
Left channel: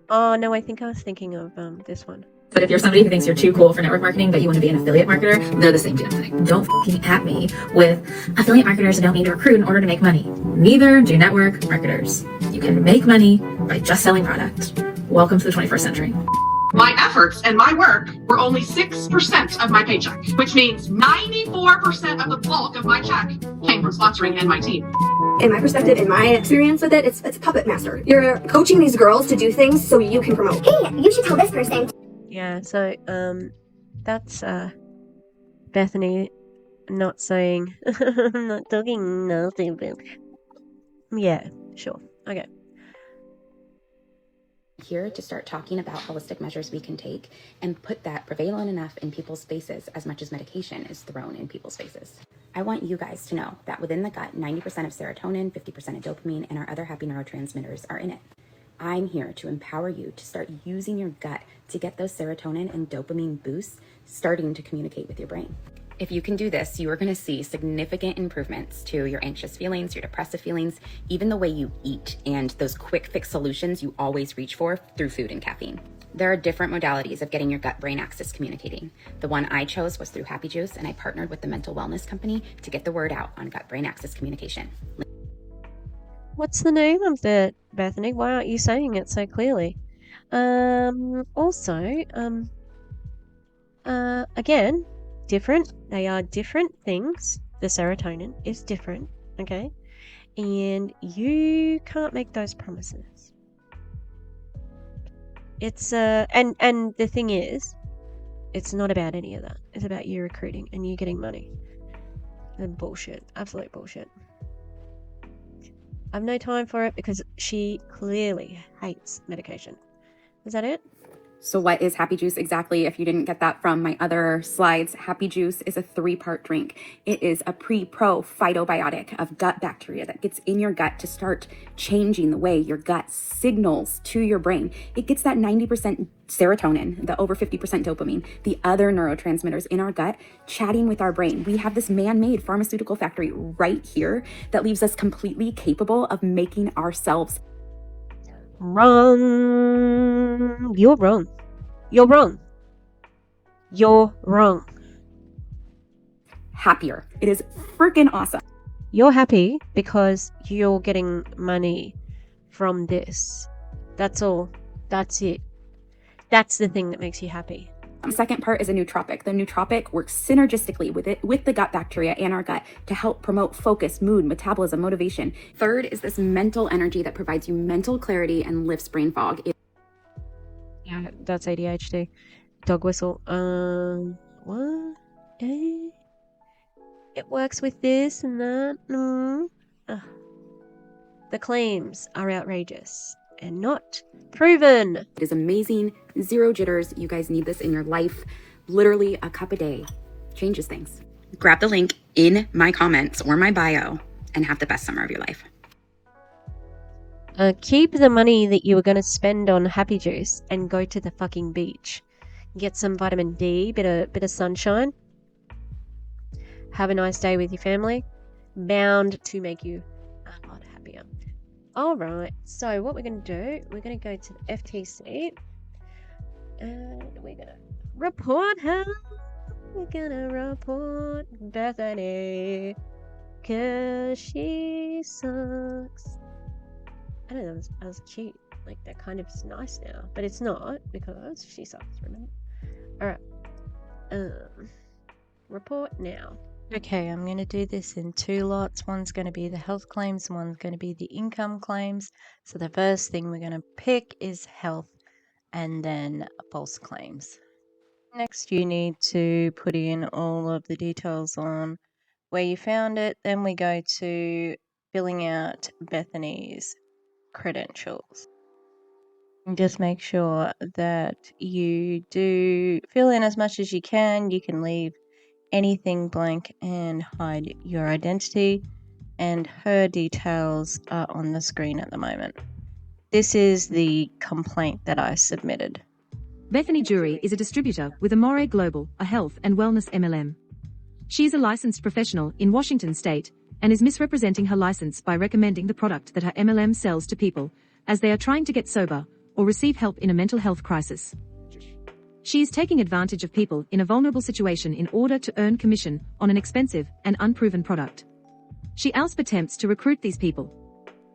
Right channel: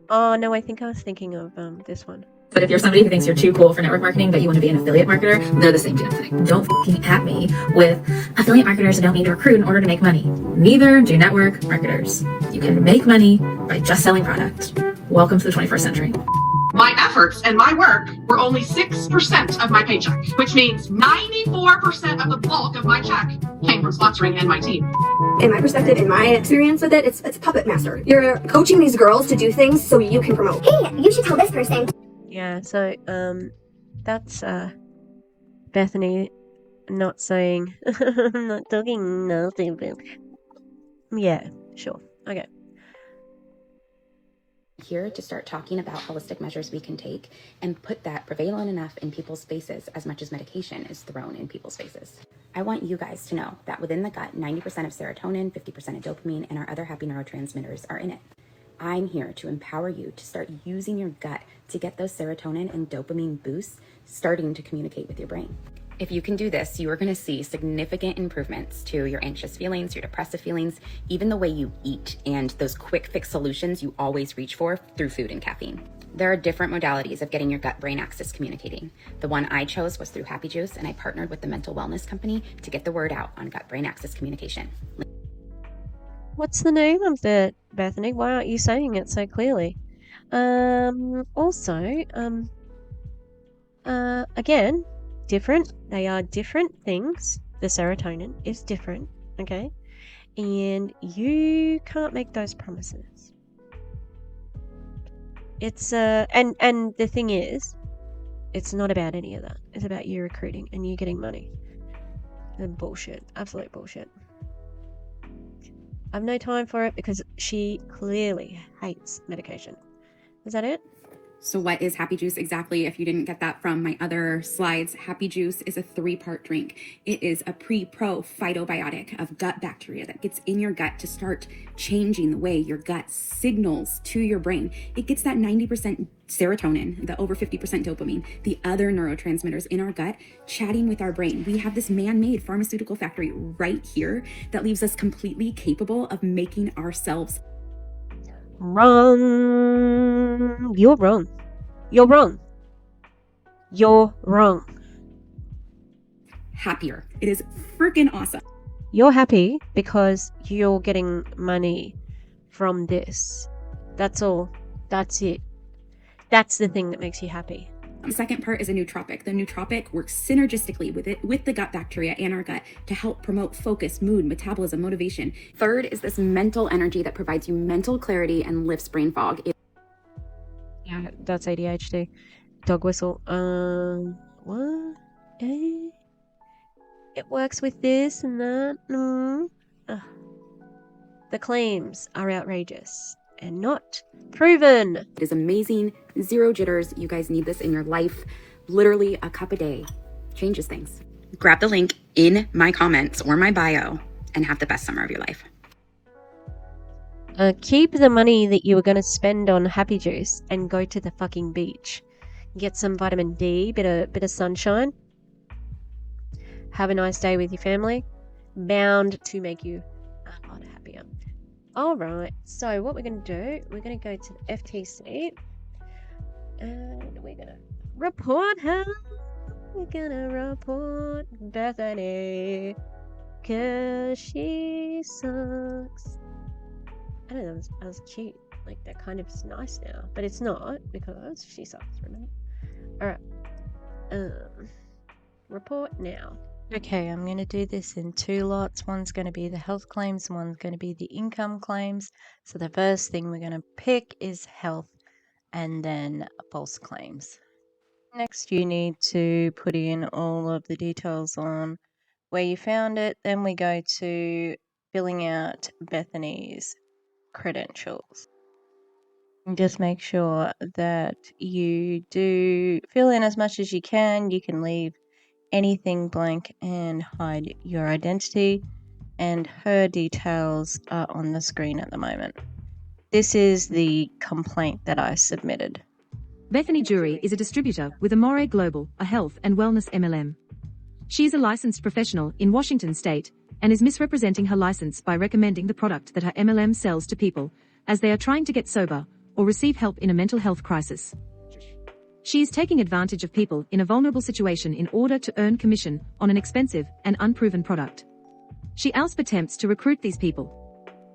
Oh, no, I think I was thinking of this one. But if you're somebody who thinks you're too cool for network marketing, but you want to be an affiliate marketer, they're the same damn thing. Don't f***ing at me with affiliate marketers who don't need to recruit in order to make money. Neither do network marketers. You can make money by just selling product. Welcome to the 21st century. My efforts and my work were only 6% of my paycheck, which means 94% of the bulk of my check came from sponsoring me and my team. In my perspective, in my experience with it, it's a puppet master. You're coaching these girls to do things so you can promote. Hey, you should tell this person. Yeah, so that's Bethany not saying I'm not talking nothing, but yeah, sure. Okay. Here to start talking about holistic measures we can take and put that prevalent enough in people's faces as much as medication is thrown in people's faces. I want you guys to know that within the gut, 90% of serotonin, 50% of dopamine, and our other happy neurotransmitters are in it. I'm here to empower you to start using your gut to get those serotonin and dopamine boosts starting to communicate with your brain. If you can do this, you are going to see significant improvements to your anxious feelings, your depressive feelings, even the way you eat, and those quick fix solutions you always reach for through food and caffeine. There are different modalities of getting your gut-brain axis communicating. The one I chose was through Happy Juice, and I partnered with the Mental Wellness Company to get the word out on gut-brain axis communication. What's the name of it, Bethany? Why aren't you saying it so clearly? Again, different. They are different things. The serotonin is different, okay? And you can't make those promises. It's and the thing is, it's not about any of that. It's about you recruiting and you getting money. And bullshit. Absolute bullshit. I've no time for it because she clearly hates medication. Is that it? So what is Happy Juice exactly? If you didn't get that from my other slides, Happy Juice is a 3-part drink. It is a pre-pro phytobiotic of gut bacteria that gets in your gut to start changing the way your gut signals to your brain. It gets that 90% serotonin, the over 50% dopamine, the other neurotransmitters in our gut chatting with our brain. We have this man-made pharmaceutical factory right here that leaves us completely capable of making ourselves Wrong. You're wrong. You're wrong. You're wrong. happier. It is freaking awesome. You're happy because you're getting money from this. That's all. That's it. That's the thing that makes you happy. The second part is a nootropic. The nootropic works synergistically with the gut bacteria in our gut to help promote focus, mood, metabolism, motivation. Third is this mental energy that provides you mental clarity and lifts brain fog. Yeah, that's ADHD. Dog whistle. What? It works with this and that. The claims are outrageous and not proven. It is amazing. 0 jitters. You guys need this in your life. Literally a cup a day changes things. Grab the link in my comments or my bio and have the best summer of your life. Keep the money that you were going to spend on Happy Juice and go to the fucking beach. Get some vitamin D, bit of sunshine. Have a nice day with your family. Bound to make you a lot happier. Alright, so what we're going to do, we're going to go to the FTC. And we're going to report her. We're going to report Bethany. Because she sucks. I don't know, that was cute. Like, that kind of is nice now. But it's not, because she sucks, remember? Alright. Report now. Okay, I'm going to do this in 2 lots. One's going to be the health claims, one's going to be the income claims. So the first thing we're going to pick is health and then false claims. Next, you need to put in all of the details on where you found it. Then we go to filling out Bethany's credentials. And just make sure that you do fill in as much as you can. You can leave anything blank and hide your identity, and her details are on the screen at the moment. This is the complaint that I submitted. Bethany Jury is a distributor with Amare Global, a health and wellness MLM. She is a licensed professional in Washington state and is misrepresenting her license by recommending the product that her MLM sells to people as they are trying to get sober or receive help in a mental health crisis. She is taking advantage of people in a vulnerable situation in order to earn commission on an expensive and unproven product. She also attempts to recruit these people.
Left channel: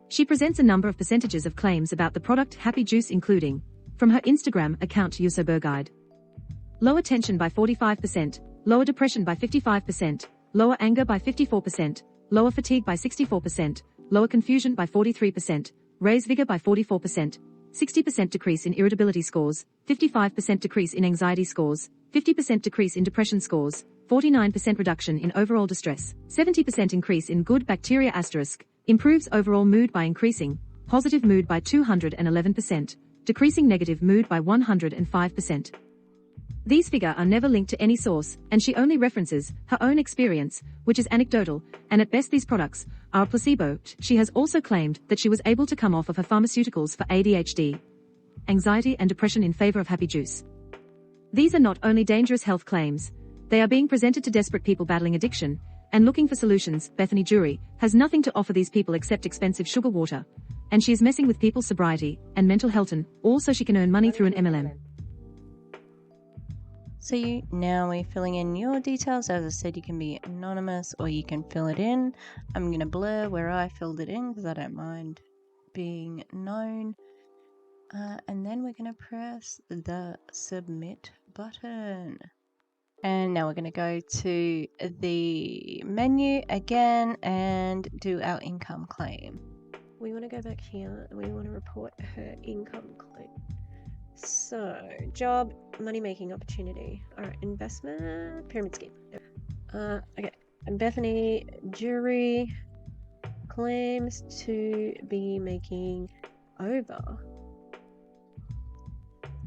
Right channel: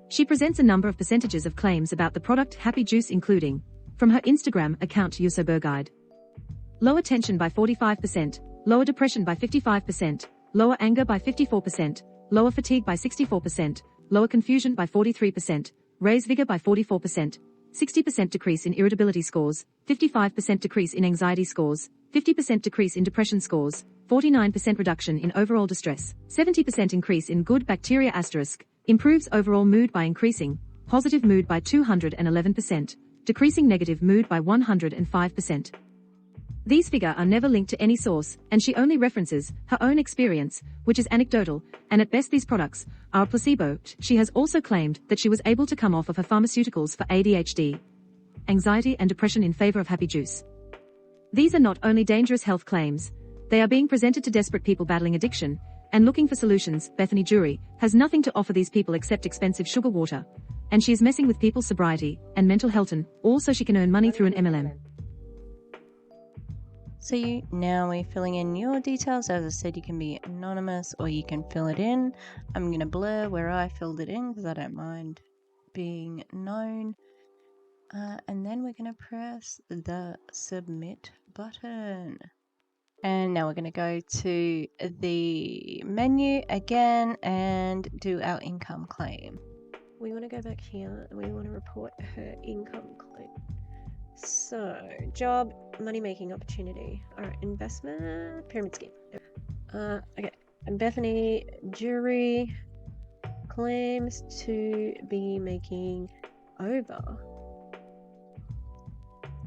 She presents a number of percentages of claims about the product Happy Juice, including from her Instagram account to your sober guide. Lower tension by 45%, lower depression by 55%, lower anger by 54%, lower fatigue by 64%, lower confusion by 43%, raise vigor by 44%. 60% decrease in irritability scores, 55% decrease in anxiety scores, 50% decrease in depression scores, 49% reduction in overall distress, 70% increase in good bacteria asterisk, improves overall mood by increasing positive mood by 211%, decreasing negative mood by 105%. These figures are never linked to any source, and she only references her own experience, which is anecdotal, and at best these products are a placebo. She has also claimed that she was able to come off of her pharmaceuticals for ADHD, anxiety, and depression in favor of Happy Juice. These are not only dangerous health claims, they are being presented to desperate people battling addiction and looking for solutions. Bethany Jury has nothing to offer these people except expensive sugar water, and she is messing with people's sobriety and mental health, and also she can earn money through an MLM. So now we're filling in your details. As I said, you can be anonymous or you can fill it in. I'm going to blur where I filled it in because I don't mind being known. And then we're going to press the submit button. And now we're going to go to the menu again and do our income claim. We want to go back here and we want to report her income claim. So, job, money-making opportunity. Alright, investment, pyramid scheme. Okay, and Bethany Jury claims to be making over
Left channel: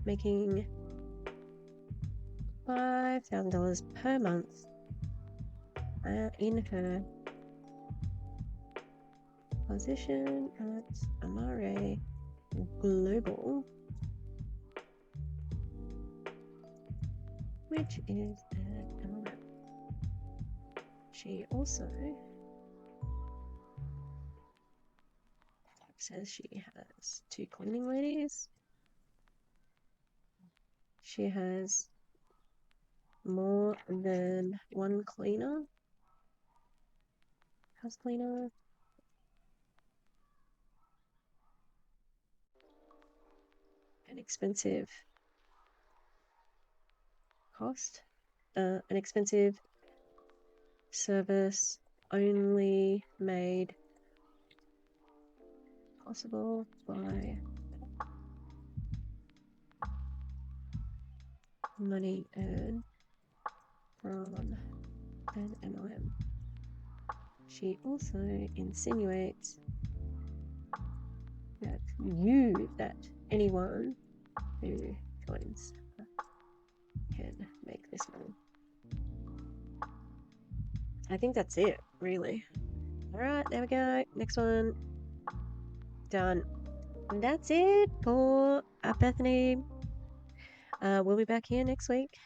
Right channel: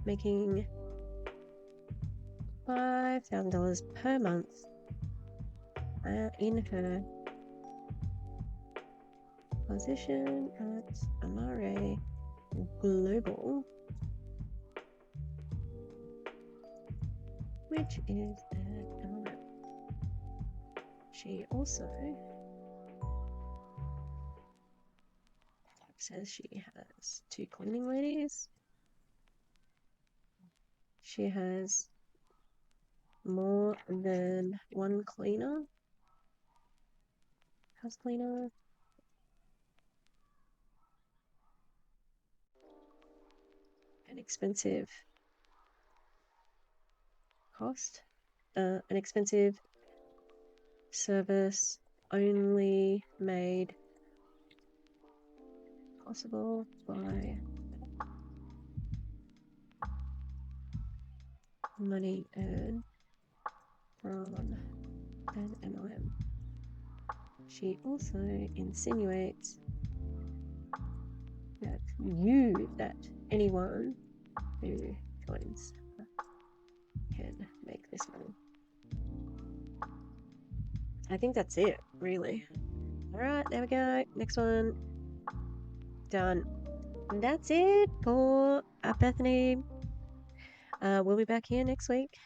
making $5,000 per month in her position at Amare Global, which is an MLM. She also says she has 2 cleaning ladies. She has more than 1 cleaner, house cleaner. An expensive cost, an expensive service only made possible by money earned from an MLM. She also insinuates that anyone who joins can make this money. I think that's it, really. Alright, there we go. Next one. Done. And that's it for Bethany. We'll be back here next week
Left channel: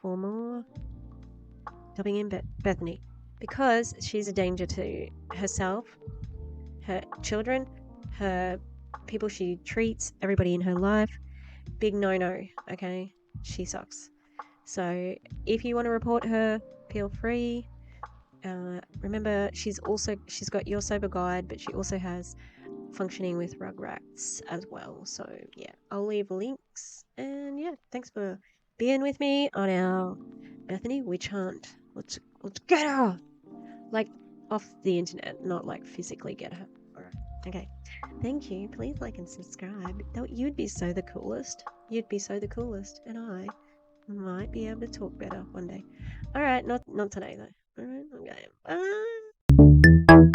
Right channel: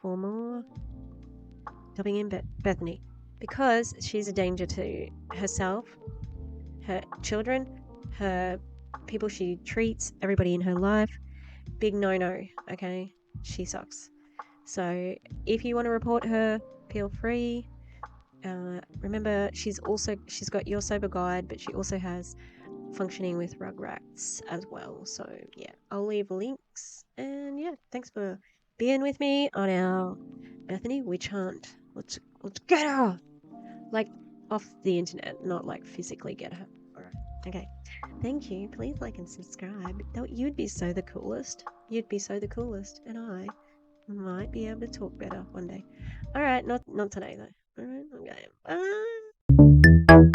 for more Dubbing in Bethany, because she's a danger to herself, her children, her people she treats, everybody in her life. Big no-no, okay? She sucks. So if you want to report her, feel free. Remember, she's got Your Sober Guide, but she also has Functioning with Rugrats as well. So yeah, I'll leave links. And yeah, thanks for being with me on our Bethany witch hunt. Let's get her, like, off the internet, not like physically get her. Alright, okay. Thank you. Please like and subscribe. You'd be so the coolest. You'd be so the coolest, and I might be able to talk better one day. Alright, not today though. Alright, okay. Bye.